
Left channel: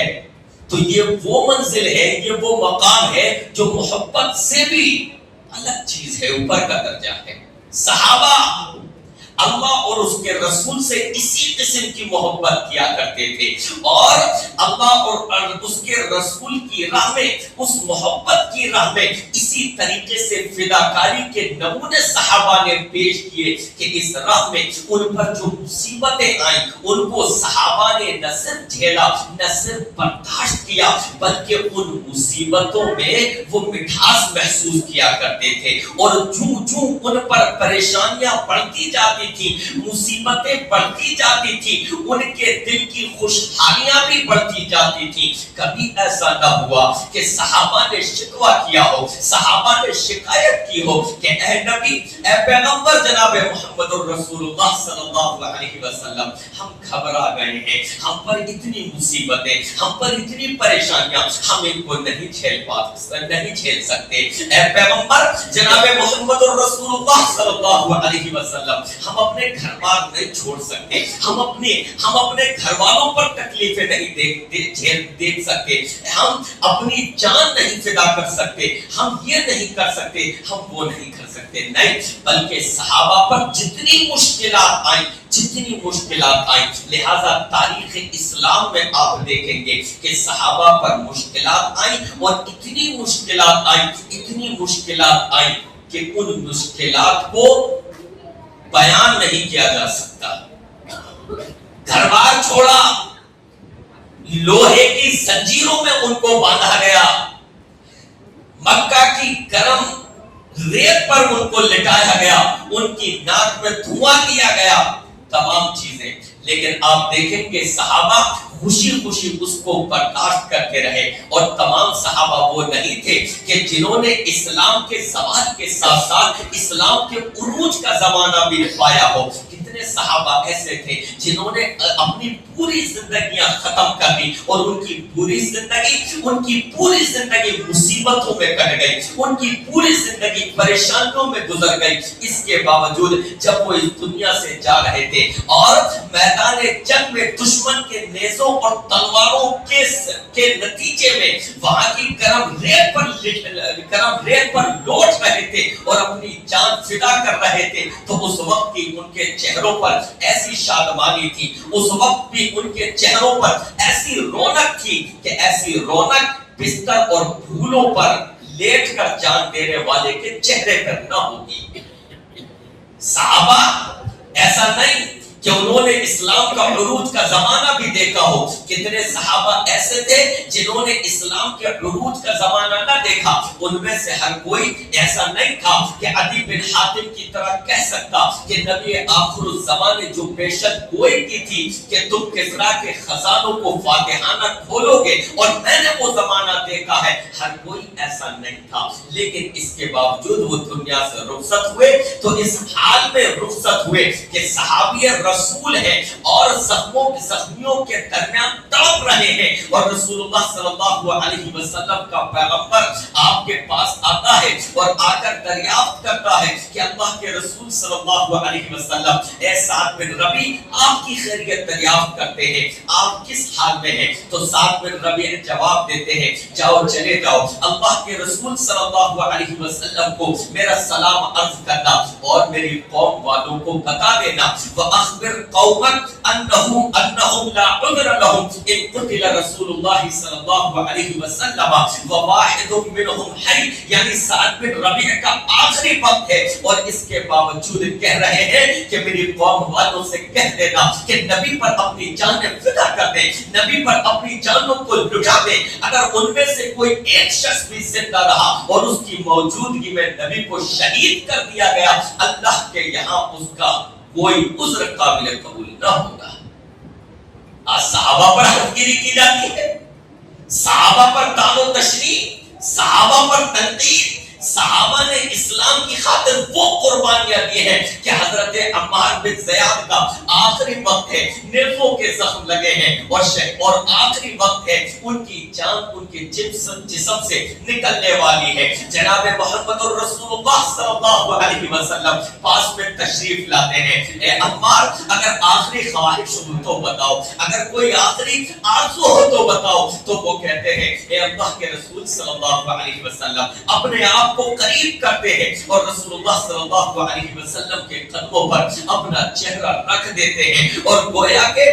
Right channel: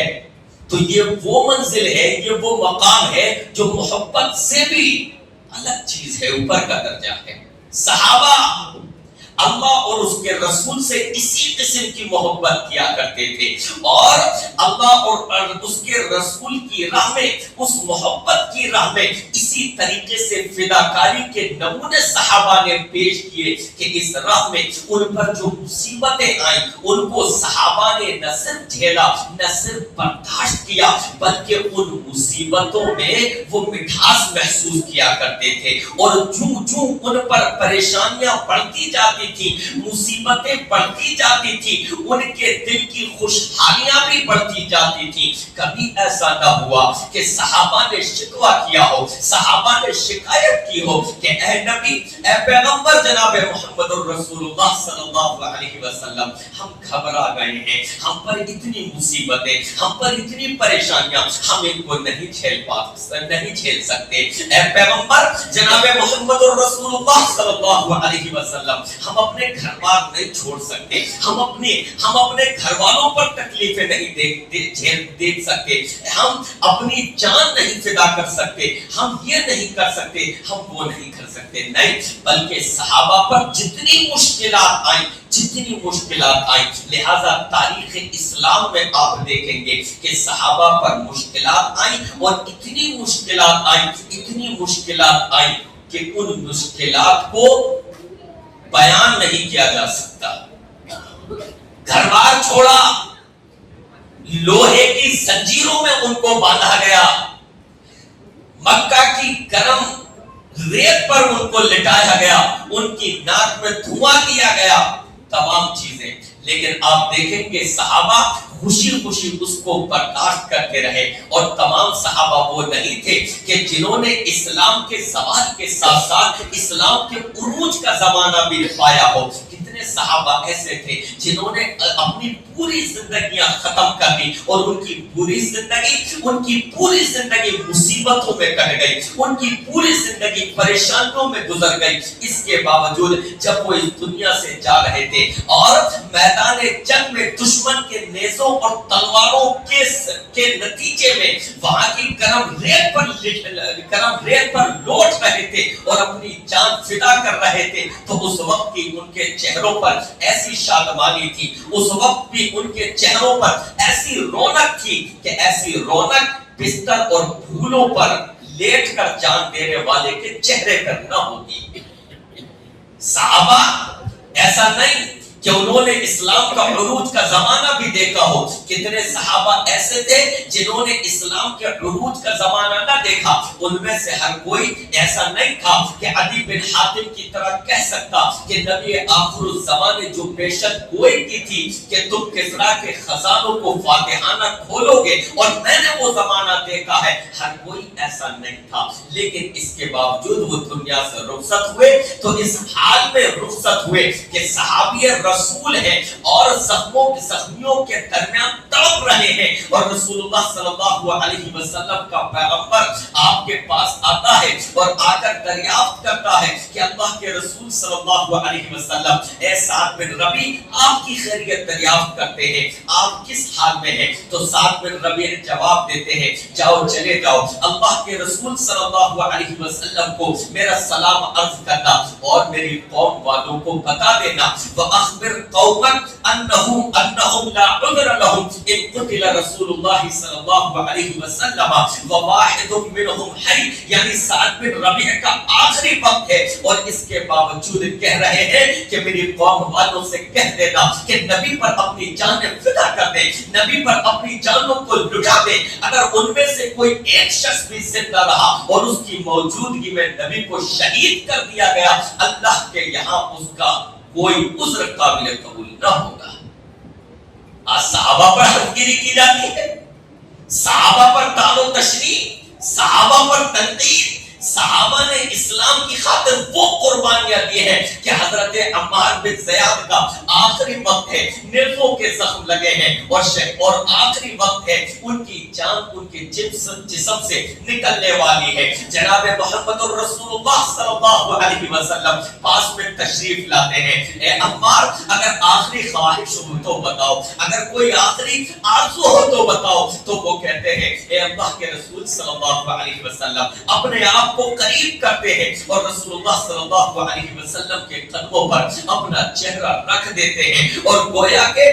تو یہ وہ منزل ہے، یہ وہ مقام ہے جو محبت سے بھی الگ چیز ہے، اوپر کا درجہ ہے. صحابہ اللہ اور اس کے رسول سے اسی قسم کی محبت کیا کرتے تھے اور اللہ اور اس کے رسول کی راہ میں، اس محبت کی راہ میں اسی طریقے سے فداکاری کے نمونے صحابہ نے پیش کیے کہ اس راہ میں ان پر جو مصیبتیں آئیں ان کو صحابہ نے نہ صرف جھیلا، نہ صرف برداشت کیا، بلکہ ان مصیبتوں میں وہ مٹھاس محسوس کیا کرتے تھے. اور جو ان پر پریشانیاں بڑھتی جاتی تھی، مصیبتیں بڑھتی جاتی تھی، ان کے دل کی خوشحالیاں بھی بڑھتی جاتی تھی. کبھی ایسا نہ ہوا کہ صحابہ نے شکوہ کیا ہو، صحابہ نے شکایت کی ہو کہ اے نبی، اے پیغمبر جناب محمد الرسول اللہ صلی اللہ علیہ وسلم، ہم گھبرا گئے ہیں، ہم پر اتنی مصیبتیں، ہم پر اتنی پریشانیاں، ہم ان کو نہیں جھیل سکتے. اے پیغمبر جناب محمد الرسول اللہ صلی اللہ علیہ وسلم، ہم اپنے گھر بار نہیں چھوڑ سکتے، ہم اپنے گھر والوں پر تکلیفیں نہیں دیکھ سکتے، ہم اپنی جان نہیں فدا کر سکتے، ہم یہ نہیں کر سکتے، ہم وہ نہیں کر سکتے. نہیں، بلکہ صحابہ پر جتنی مشکلات آئیں، لہذا تاریخ اسلام میں آپ دیکھیں گے کہ صحابہ پر مشکلات آئیں اور اتنی مشکلات آئیں کہ ان مشکلات کو بیان نہیں کیا جا سکتا. گھر بار چھوڑا، لوہے کی زنجیروں میں ان کو باندھا گیا، مکہ کی گرم ریت پر ان کو لٹایا گیا، ان کی ناک میں دھواں دیا گیا، تمام چیزیں. لیکن آپ دیکھیں گے صحابہ خوشی اس کو برداشت کرتے رہے. اور تمام صحابہ وہ نہیں تھے کہ جنہوں نے اسلام کے زوال کے ساتھ ساتھ اسلام کے عروج کا زمانہ بھی پایا ہو. کتنے صحابہ ایسے تھے جنہوں نے اپنی پوری زندگیاں ختم کر دی اور ان کی پوری زندگی مصیبتوں میں کٹ گئی، ان کی پوری زندگی پریشانیوں میں گزر گئی. اس کے باوجود جب وہ اس دنیا سے جا رہے تھے اور میدان جنگ میں دشمن کے نیزوں اور تلواروں کے نتیجے میں وہاں کی گرم ریت پر لوٹ رہے تھے اور اپنی جان فدا کر رہے تھے، تو اس وقت بھی ان کے چہروں پر ایسی شادمانی تھی، اس وقت بھی ان کے چہروں پر ایسی رونق تھی کہ ایسی رونق بستر اور پھولوں پر لیٹ کر جان دینے والے کے چہرے پر نہ ہوتی. صحابہ ایسا نہیں کہ انہوں نے اسلام کا عروج کا زمانہ بھی دیکھا ہو. کتنے صحابہ ایسے تھے جنہوں نے اسلام کے عروج کا زمانہ نہ دیکھا. ان میں سے ہر کوئی ایسا نہیں تھا کہ عدی بن حاتم کی طرح کہہ سکتا کہ نبی آخر الزمان نے جو پیشن گوئی کی تھی کہ تم کسریٰ کے خزانوں کو فاتحانہ کھولو گے اور میں نے وہ زمانہ دیکھا ہے. ہر کوئی ایسا نہیں تھا. لیکن اس کے باوجود وہ دنیا سے رخصت ہوئے تو اس حال میں رخصت ہوئے کہ صحابی رسول ہے اور زخمیوں کے درمیان تڑپ رہے ہیں اور رسول اللہ صلی اللہ علیہ وسلم کا پیغمبر آپ کے پاس آتا ہے اور آ کر دریافت کرتا ہے کہ اللہ کے رسول صلی اللہ علیہ وسلم، اے سعد بن ربیع، آپ کی خیریت دریافت کرتے ہیں، آپ کس حال میں ہیں؟ تو سعد بن ربیع جواب دیتے ہیں، جاؤ چلے جاؤ، اللہ کے رسول صلی اللہ علیہ وسلم کو میرا سلام عرض کرنا اور میری قوم والوں کو بتا دینا. وَأَخْبِرْ اخبر قوما انهم لا عذر لهم ان قتل رسول الله صلی اللہ علیہ وسلم وواحد منهم حی، یعنی سعد بن ربیع کا آخری وقت ہے اور اس کے باوجود کہہ رہے ہیں کہ میری قوم والوں سے کہہ دینا کہ نبی پر اپنی جانیں فدا کر دیں، نبی پر اپنی جانوں کو لٹا دیں۔ اگر ان میں سے کوئی ایک شخص بھی زندہ رہا اور اس کی موجودگی میں نبی کو شہید کر دیا گیا، اللہ کے یہاں اس کا کوئی عذر قابل قبول نہ ہوگا۔ آج صحابہ پر حقیری کی جاتی ہے، صحابہ پر طعن و تشریح، صحابہ پر تنقید۔ صحابہ نے اسلام کی خاطر وہ قربانیاں دی ہیں کہ حضرت عمار بن زیاد کا آخری وقت ہے، نیزوں کے زخم لگے ہیں اور آخری وقت ہے، ان کی جان ان کے جسم سے نکلنے والی ہے۔ جناب محمد الرسول اللہ صلی اللہ علیہ وسلم پاس میں تشریف لاتے ہیں۔ اے عمار، اگر آخری خواہش ہو تو بتاؤ، اگر کوئی آخری آرزو ہو تو بتاؤ۔ تو وہ کہتے ہیں اے اللہ کے رسول صلی اللہ علیہ وسلم، اپنے آپ کو قریب کرتے ہیں اور رسول اللہ صلی اللہ علیہ وسلم کے قدموں پر اپنا چہرہ رکھ دیتے ہیں اور گویا کہ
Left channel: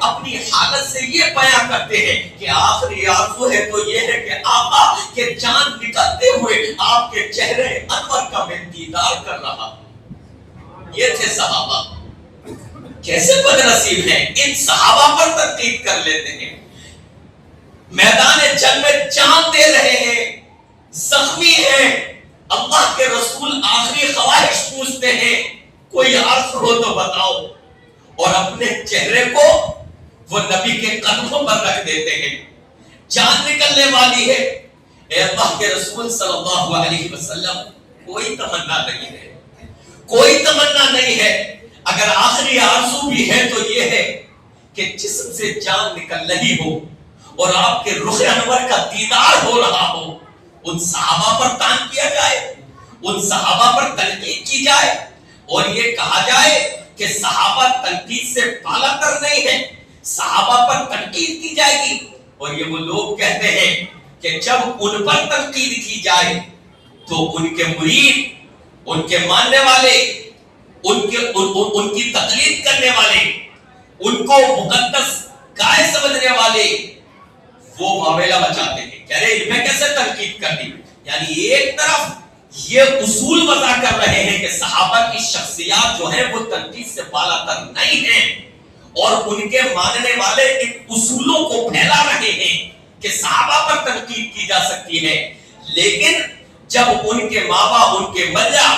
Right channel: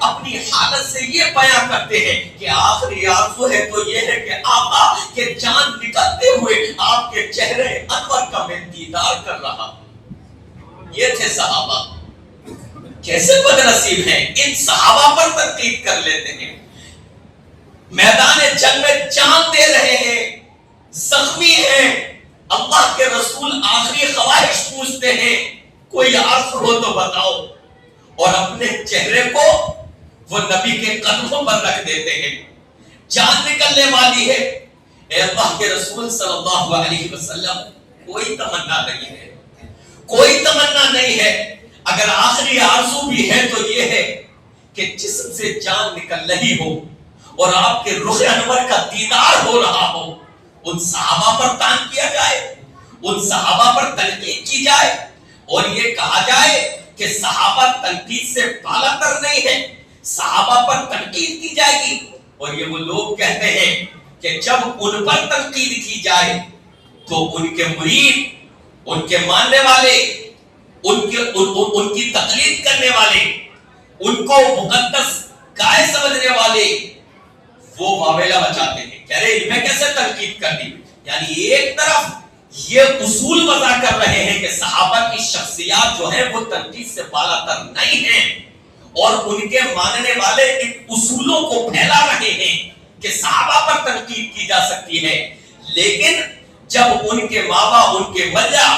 اپنی حالت سے یہ بیان کرتے ہیں کہ آخری آرزو ہے تو یہ ہے کہ آقا کے جان نکلتے ہوئے آپ کے چہرے انور کا میں دیدار کر رہا۔ یہ تھے صحابہ، کیسے بدنصیب ہیں، ان صحابہ پر تنقید کر لیتے ہیں۔ میدان جنگ میں جان دے رہے ہیں، زخمی ہیں، اللہ کے رسول آخری خواہش پوچھتے ہیں کوئی عرض ہو تو بتاؤ، اور اپنے چہرے کو وہ نبی کے قدموں پر رکھ دیتے ہیں۔ جان نکلنے والی ہے، اے اللہ کے رسول صلی اللہ علیہ وسلم، کوئی تمنا نہیں ہے، کوئی تمنا نہیں ہے، اگر آخری آرزو بھی ہے تو یہ ہے کہ جسم سے جان نکل رہی ہو اور آپ کے رخ انور کا دیدار ہو رہا ہو، ان صحابہ پر تان کیا جائے، ان صحابہ پر تنقید کی جائے اور یہ کہا جائے کہ صحابہ تنقید سے بالا تر نہیں ہے، صحابہ پر تنقید کی جائے گی۔ اور یہ وہ لوگ کہتے ہیں کہ جب ان پر تنقید کی جائے تو ان کے مرید، ان کے ماننے والے، ان کی تقلید کرنے والے، ان کو مقدس گائے سمجھنے والے وہ معاملہ بچاتے ہیں، کہہ رہے میں کیسے تنقید کر دی۔ یعنی ایک طرف یہ اصول وضع کر رہے ہیں کہ صحابہ کی شخصیات جو ہیں وہ تنقید سے بالا تر نہیں ہیں، اور ان کے ماننے والے ان اصولوں کو پھیلا رہے ہیں کہ صحابہ پر تنقید کی جا سکتی ہے، لیکن جب ان کے ماں باپ، ان کے ولیٰ،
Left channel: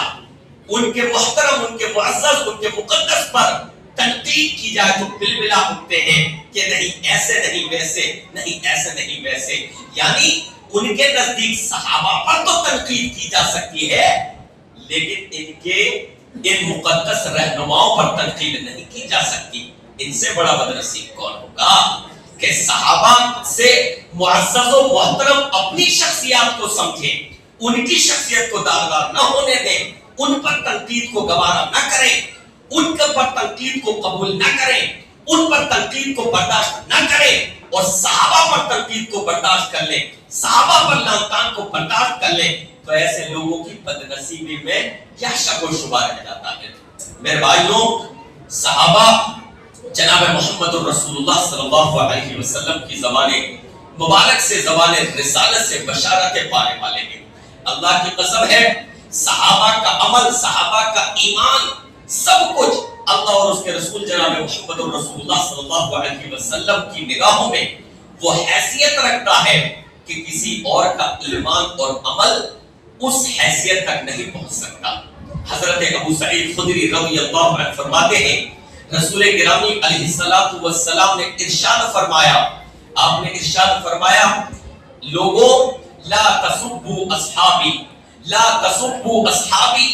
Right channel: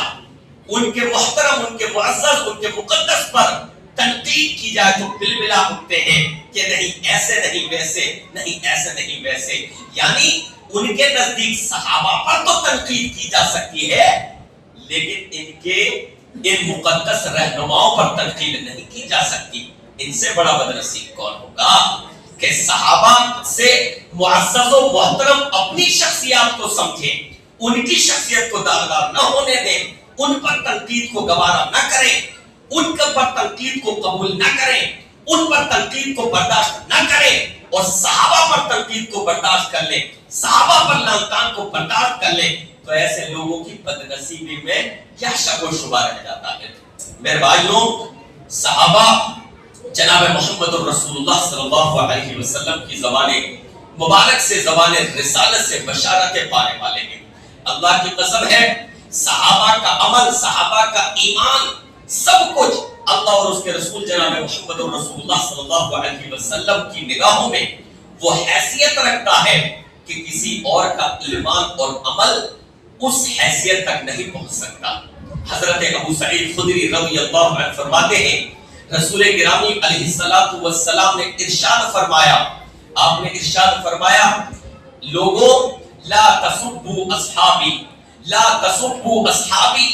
ان کے محترم، ان کے معزز، ان کے مقدس پر تنقید کی جائے تو بلبلا اٹھتے ہیں کہ نہیں ایسے نہیں ویسے، نہیں ایسے نہیں ویسے۔ یعنی ان کے نزدیک صحابہ پر تو تنقید کی جا سکتی ہے، لیکن ان مقدس رہنماؤں پر تنقید نہیں کی جا سکتی۔ ان سے بڑا بدنصیب کون ہوگا کہ صحابہ سے معزز و محترم اپنی شخصیات کو سمجھیں، ان کی شخصیت کو داغدار نہ ہونے دیں، ان پر تنقید کو گوارا نہ کریں، ان پر تنقید کو قبول نہ کریں، ان پر تنقید کو برداشت نہ کریں، اور صحابہ پر تنقید کو برداشت کر لیں، صحابہ پر لعنتان کو برداشت کر لیں، تو ایسے لوگوں کی بدنصیبی میں کیا شک و شبہ رہ جاتا ہے۔ میرے بھائیوں، صحابہ جناب محمد الرسول اللہ صلی اللہ علیہ وسلم کی زبان مبارک سے، زبان رسالت سے بشارتیں پانے والے ہیں۔ اللہ کی قسم ہے، صحابہ کا عمل، صحابہ کا ایمان، سب کچھ اللہ اور اس کے رسول جناب محمد الرسول اللہ صلی اللہ علیہ وسلم کی نگاہوں میں وہ حیثیت رکھتا ہے کہ کسی اور کا ایمان اور عمل اس حیثیت تک نہیں پہنچ سکتا۔ حضرت ابو سعید خدری رضی اللہ عنہ فرماتے ہیں، رسول گرامی علیہ الصلوۃ والسلام نے ارشاد فرمایا، آپ نے ارشاد فرمایا، لوگوں لا تسبوا اصحابی، لا تسبوا اصحابی،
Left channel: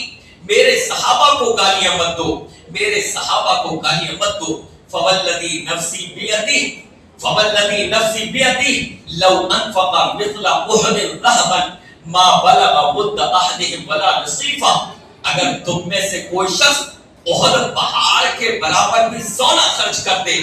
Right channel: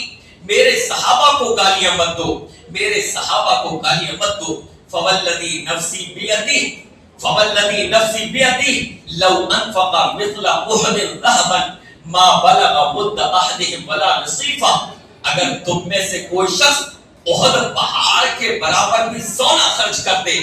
میرے صحابہ کو گالیاں مت دو، میرے صحابہ کو گالیاں مت دو، فوالذی نفسی بیدہ، فوالذی نفسی بیدہ لو انفق مثل احد ذهبا ما بلغ مد احدهم ولا نصیفہ، اگر تم میں سے کوئی شخص احد پہاڑ کے برابر بھی سونا خرچ کر دے،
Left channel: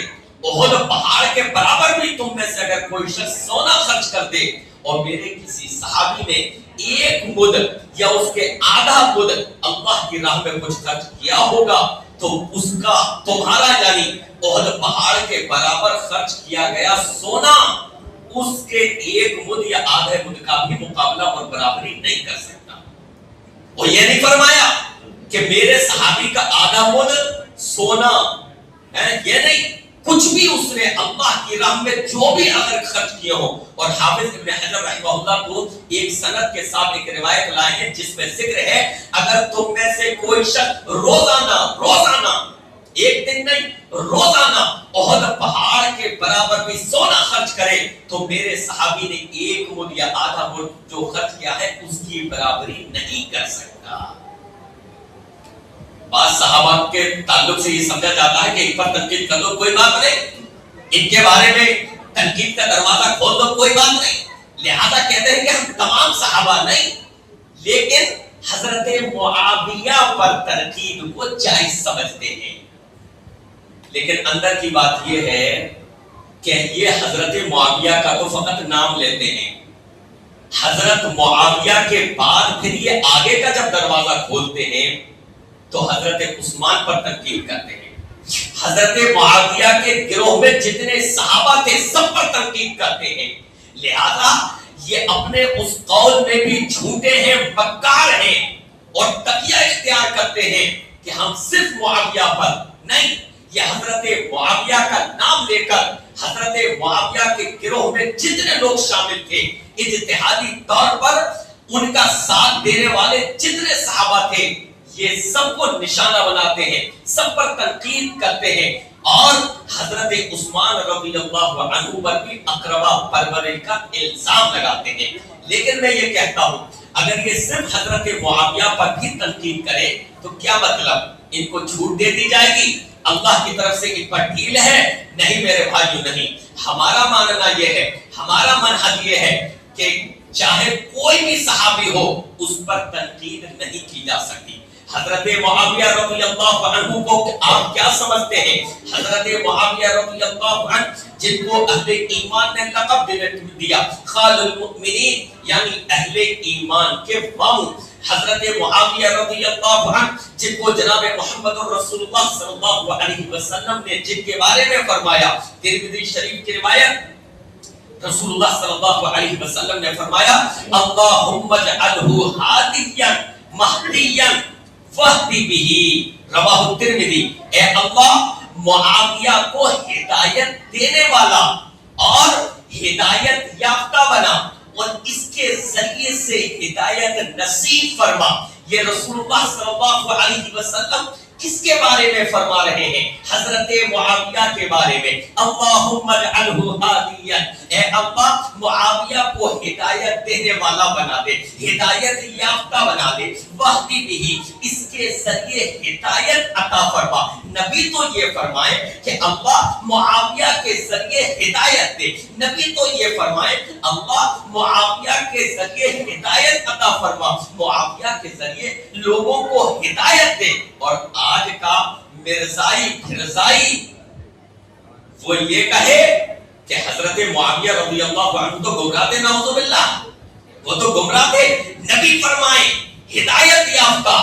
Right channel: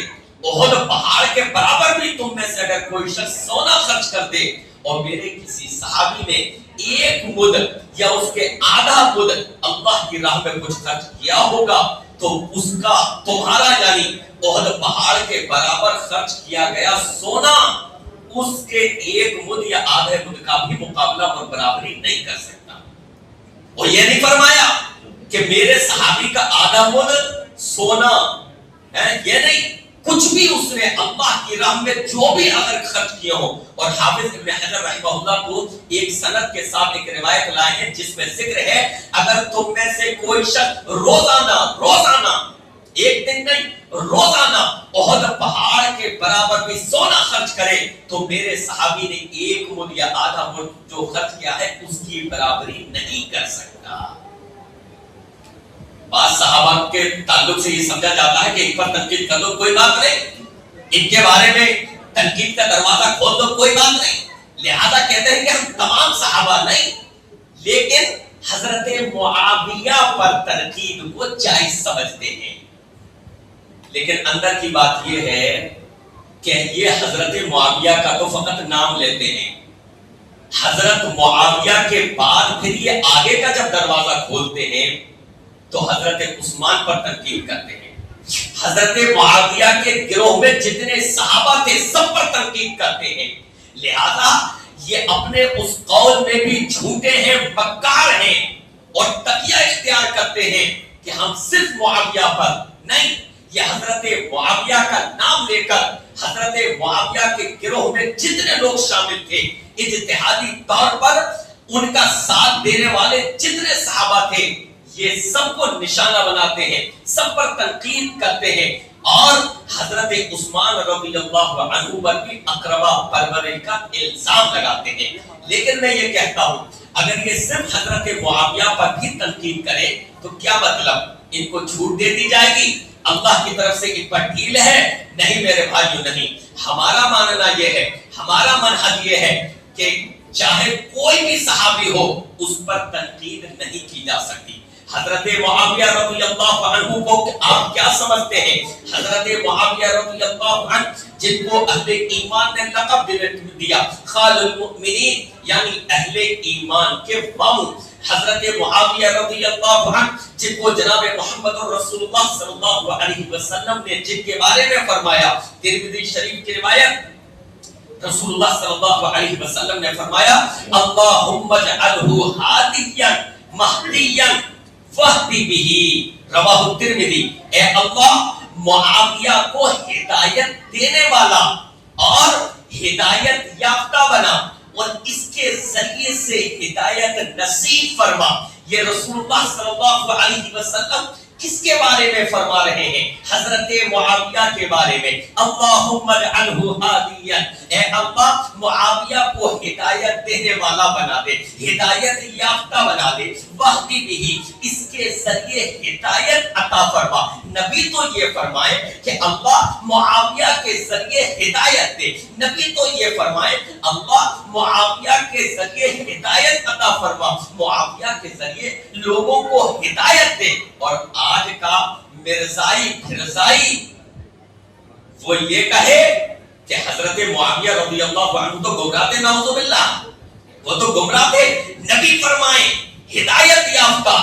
احد پہاڑ کے برابر بھی تم میں سے اگر کوئی شخص سونا خرچ کر دے، اور میرے کسی صحابی نے ایک مد یا اس کے آدھا مد اللہ کی راہ میں کچھ خرچ کیا ہوگا، تو اس کا تمہارا یعنی احد پہاڑ کے برابر خرچ کیا گیا سونا اس کے ایک مد یا آدھے مد کا بھی مقابلہ اور برابری نہیں کر سکتا۔ وہ یہ نہیں فرمایا کہ میرے صحابی کا آدھا مد سونا ہے، یہ نہیں، کچھ بھی اس نے اللہ کی راہ میں جو بھی اگر خرچ کیے ہو۔ اور حافظ ابن حجر رحمہ اللہ کو ایک سند کے ساتھ ایک روایت لائے ہیں جس میں ذکر ہے اگر تم میں سے کوئی شخص روزانہ ایک دن نہیں روزانہ احد پہاڑ کے برابر بھی سونا خرچ کرے تو میرے صحابی نے ایک مد یا آدھا مد جو خرچ کیا ہے اس کی برابری نہیں کر سکتا۔ بعض صحابہ کے تعلق سے یہ سمجھا جاتا ہے کہ ان پر تنقید کر دو کوئی بات نہیں، ان کے بارے میں تنقید کا دروازہ کھول دو کوئی بات نہیں، لہذا کہتے ہیں کہ ہم تمام صحابہ نہیں لیکن حضرت معاویہ پر تنقید کو جائز سمجھتے ہیں۔ لیکن اندر کی بات یہ ہے کہ یہ حضرت معاویہ کا تو فقط نام لیتے ہیں، حضرت معاویہ کے بعد پھر یہ آگے کا جب دروازہ کھولتے ہیں تو حضرت عثمان پر تنقید کرتے ہیں، حضرت معاویہ کے گروہ میں جتنے صحابہ تھے سب پر تنقید کرتے ہیں، لہذا یہ اپنے اس قول میں بھی جھوٹے ہیں، مکار ہیں اور تقیہ اختیار کرتے ہیں کہ ہم صرف معاویہ پر نہیں، یہ حضرت معاویہ کا نام لے کر حضرت معاویہ کے گروہ میں جتنے لوگ شامل تھے اجتہادی طور پر ان کا ساتھ دینے والے جتنے صحابہ تھے یہ سب کو نشانہ بناتے ہیں، سب پر تنقید کرتے ہیں اور حضرت عثمان رضی اللہ عنہ پر بھی اقربا پروری کا الزام لگاتے ہیں۔ لیکن میں یہ کہتا ہوں اگر یہ صرف حضرت معاویہ پر بھی تنقید کرے تو کیا مطلب ان کو چھوٹ دے دی جائے گی، اللہ کی طرف سے ان پر ڈھیل ہے؟ نہیں میرے بھائیو نہیں، ہمارا ماننا یہ ہے، ہمارا منہج یہ ہے کہ چاہے کوئی بھی صحابی ہو اس پر تنقید نہیں کی جا سکتی۔ حضرت معاویہ رضی اللہ عنہ کو آپ کیا سمجھتے ہیں؟ حضرت معاویہ رضی اللہ عنہ جن کو اہل ایمان نے لقب دیا خال المؤمنین یعنی اہل ایمان کے ماموں، حضرت معاویہ رضی اللہ عنہ جن کو جناب محمد رسول اللہ صلی اللہ علیہ وسلم نے جن کے بارے میں فرمایا، ترمذی شریف کی روایت، رسول اللہ صلی اللہ علیہ وسلم نے فرمایا اللہم اجعلہ ہادیا مہدیا فہدی بہ، رواہ ترمذی، اے اللہ معاویہ کو ہدایت دینے والا اور ہدایت یافتہ بنا اور اس کے ذریعے سے ہدایت نصیب فرما۔ یہ رسول اللہ صلی اللہ علیہ وسلم کس کے بارے میں فرما رہے ہیں؟ حضرت معاویہ کے بارے میں۔ اللہم اجعلہ ہادیا، اے اللہ معاویہ کو ہدایت دینے والا بنا دے، ہدایت یافتہ بنا دے، وہدی بہ، اس کے ذریعے ہدایت عطا فرما۔ نبی تو یہ فرمائے کہ اللہ معاویہ کے ذریعے ہدایت دے، نبی تو یہ فرمائے اللہ معاویہ کے ذریعے ہدایت عطا فرما، معاویہ کے ذریعے لوگوں کو ہدایت دے۔ اور آج کا مرزائی پھرزائی وہ یہ کہے کہ حضرت معاویہ رضی اللہ عنہ تو گمراہ تھے، نعوذ باللہ، وہ تو گمراہ تھے، نبی فرمائے ہدایت یافتہ،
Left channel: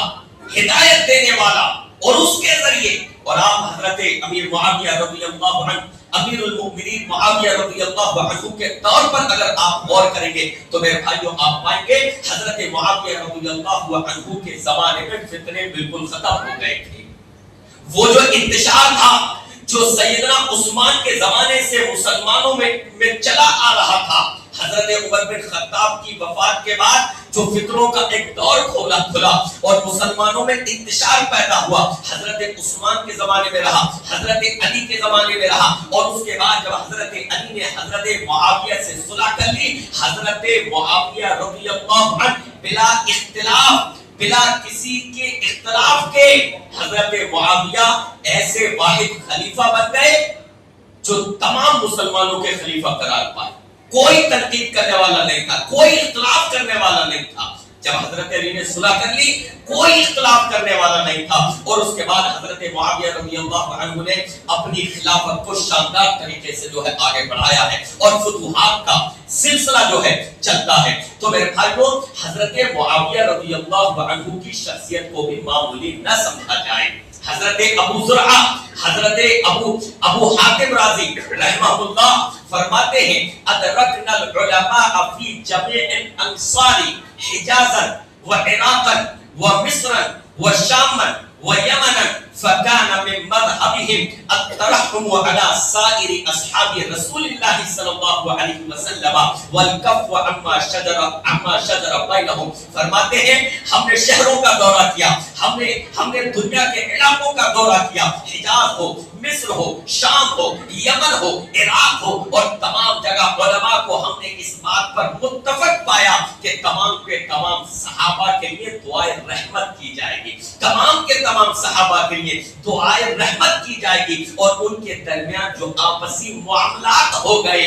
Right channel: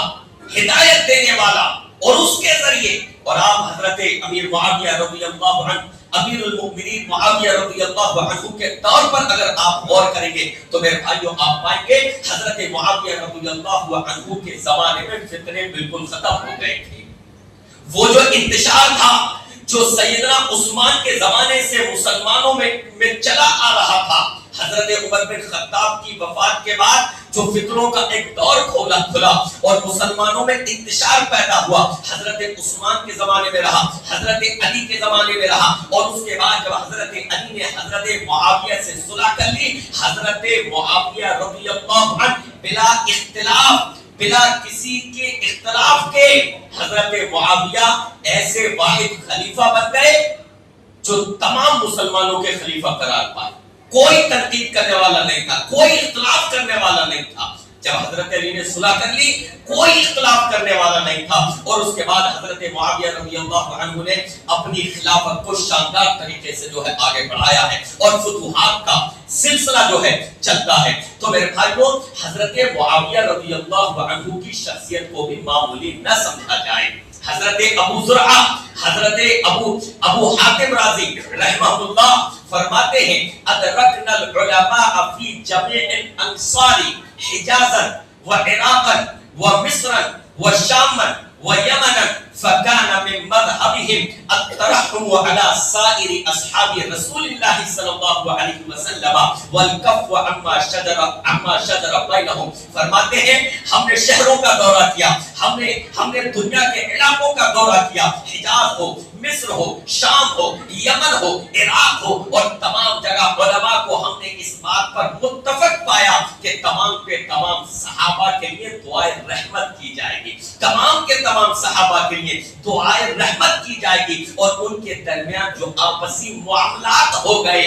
ہدایت دینے والا اور اس کے ذریعے، اور آپ حضرت امیر معاویہ رضی اللہ عنہ، امیر المؤمنین معاویہ رضی اللہ عنہ کے طور پر اگر آپ غور کریں گے تو میرے بھائیوں آپ پائیں گے حضرت معاویہ رضی اللہ عنہ کے زمانے میں فتنے بالکل ختم ہو گئے تھے۔ وہ جو انتشار تھا جو سیدنا عثمان کے زمانے سے مسلمانوں میں چلا آ رہا تھا، حضرت عمر بن خطاب کی وفات کے بعد جو فطروں کا ایک دور کھلا اور مسلمانوں میں انتشار پیدا ہوا، حضرت عثمان کے زمانے میں رہا، حضرت علی کے زمانے میں رہا، اور اس کے بعد جب حضرت علی نے حضرت معاویہ سے صلح کر لی، حضرت معاویہ رضی اللہ عنہ بلا اختلاف، بلا کسی کے اختلاف کے حضرت معاویہ ایسے واحد خلیفہ بن گئے جو تمام مسلمانوں کے خلیفہ قرار پائے، کوئی تنقید کرنے والا نہیں تھا، کوئی اختلاف کرنے والا نہیں تھا۔ جب حضرت علی نے صلح کر لی کوئی اختلاف کرنے والا نہیں تھا، اور اس کے بعد حضرت معاویہ رضی اللہ عنہ نے اپنی خلافت کو شاندار طریقے سے جو ہے آگے بڑھایا ہے اور فتوحات کا سلسلہ جو ہے چلتا ہے۔ تو میرے بھائیوں حضرت معاویہ رضی اللہ عنہ کی شخصیت کو بھی معمولی نہ سمجھا جائے۔ حضرت ابو زرعہ، حضرت ابو حاتم رازی رحمہ اللہ فرماتے ہیں ادرکنا العلماء فی جمیع الانصار حجازا وعراقا ومصرا وشاما ویمنا فکان من مذہبهم الترحم على سائر اصحاب رسول اللہ صلی اللہ علیہ وسلم والکف عما شجر بینہم. فرماتے ہیں ہم نے شہروں کا دورہ کیا، ہم نے دنیا کے علاقوں کا دورہ کیا، حجاز ہو، مصر ہو، شام ہو، یمن ہو، عراق ہو، اور تمام جگہ علماء کو ہم نے اس بات پر متفق پایا کہ تمام کے تمام صحابہ کے لیے دعائے رحمت کی جائے گی، تمام کے تمام صحابہ کے لیے دعائے رحمت کی جائے گی، اور ان کے درمیان جو آپسی معاملات ہو گئے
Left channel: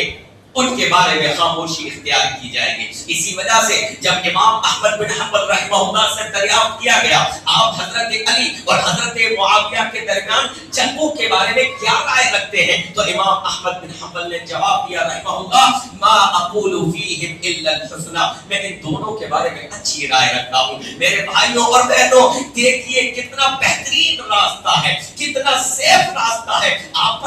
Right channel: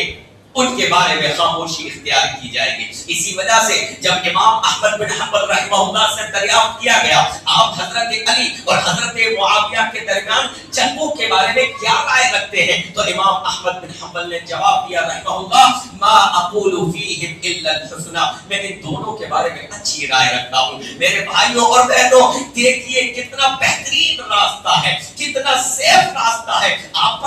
ان کے بارے میں خاموشی اختیار کی جائے گی. اسی وجہ سے جب امام احمد بن حنبل رحمہ اللہ سے دریافت کیا گیا آپ حضرت علی اور حضرت معاویہ کے درمیان جنگوں کے بارے میں کیا رائے رکھتے ہیں، تو امام احمد بن حنبل نے جواب دیا رحمہ اللہ ما اقول فیہم الا الحسنى، میں ان دونوں کے بارے میں اچھی رائے رکھتا ہوں. میرے بھائیوں اور بہنوں دیکھیے کتنا بہترین راستہ ہے، کتنا سیف راستہ ہے. آپ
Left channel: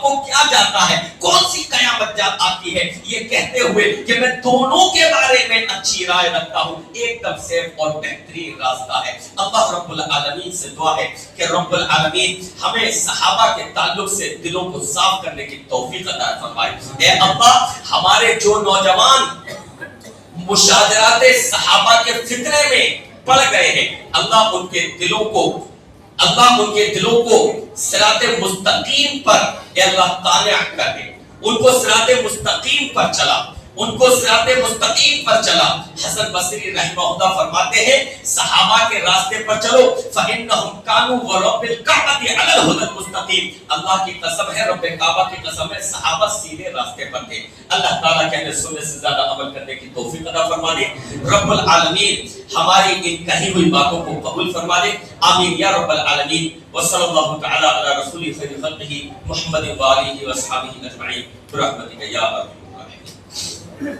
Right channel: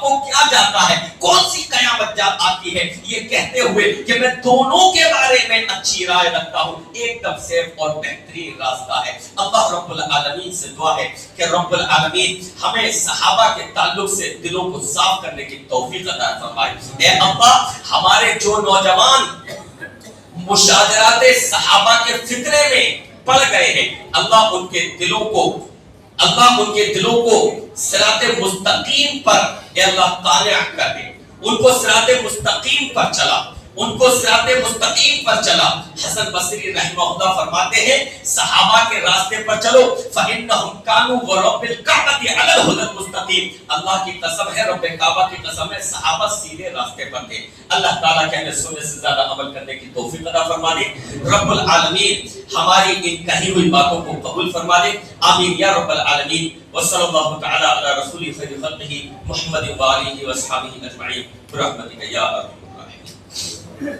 کو کیا جاتا ہے، کون سی قیامت جاتا ہے یہ کہتے ہوئے کہ میں دونوں کے بارے میں اچھی رائے رکھتا ہوں. ایک دم سیف اور بہترین راستہ ہے. اللہ رب العالمین سے دعا ہے کہ رب العالمین ہمیں صحابہ کے تعلق سے دلوں کو صاف کرنے کی توفیق عطا فرمائے. اے اللہ ہمارے جو نوجوان مشاجرات صحابہ کے فتنے میں پڑ گئے ہیں، اللہ ان کے دلوں کو صراط مستقیم پر اے اللہ قانع کر دے، ان کو صراط مستقیم پر چلا، ان کو صراط مستقیم پر چلا. حسن بصری رحمہ اللہ فرماتے ہیں صحابہ کے راستے پر چلو فإنهم كانوا ورب الكعبة على الهدى المستقيم. اللہ کی قسم ہے، رب کعبہ کی قسم ہے، صحابہ سیدھے راستے پر تھے. اللہ تعالیٰ کہنے سننے سے زیادہ عمل کرنے کی توفیق عطا فرما دے. رب العالمین ہماری ان کہی ہوئی باتوں کو قبول فرما دے. آمین یا رب العالمین. وصلی اللہ تعالی علی رسول خیر خلقہ محمد و آلہ و اصحابہ اجمعین برحمتک یا ارحم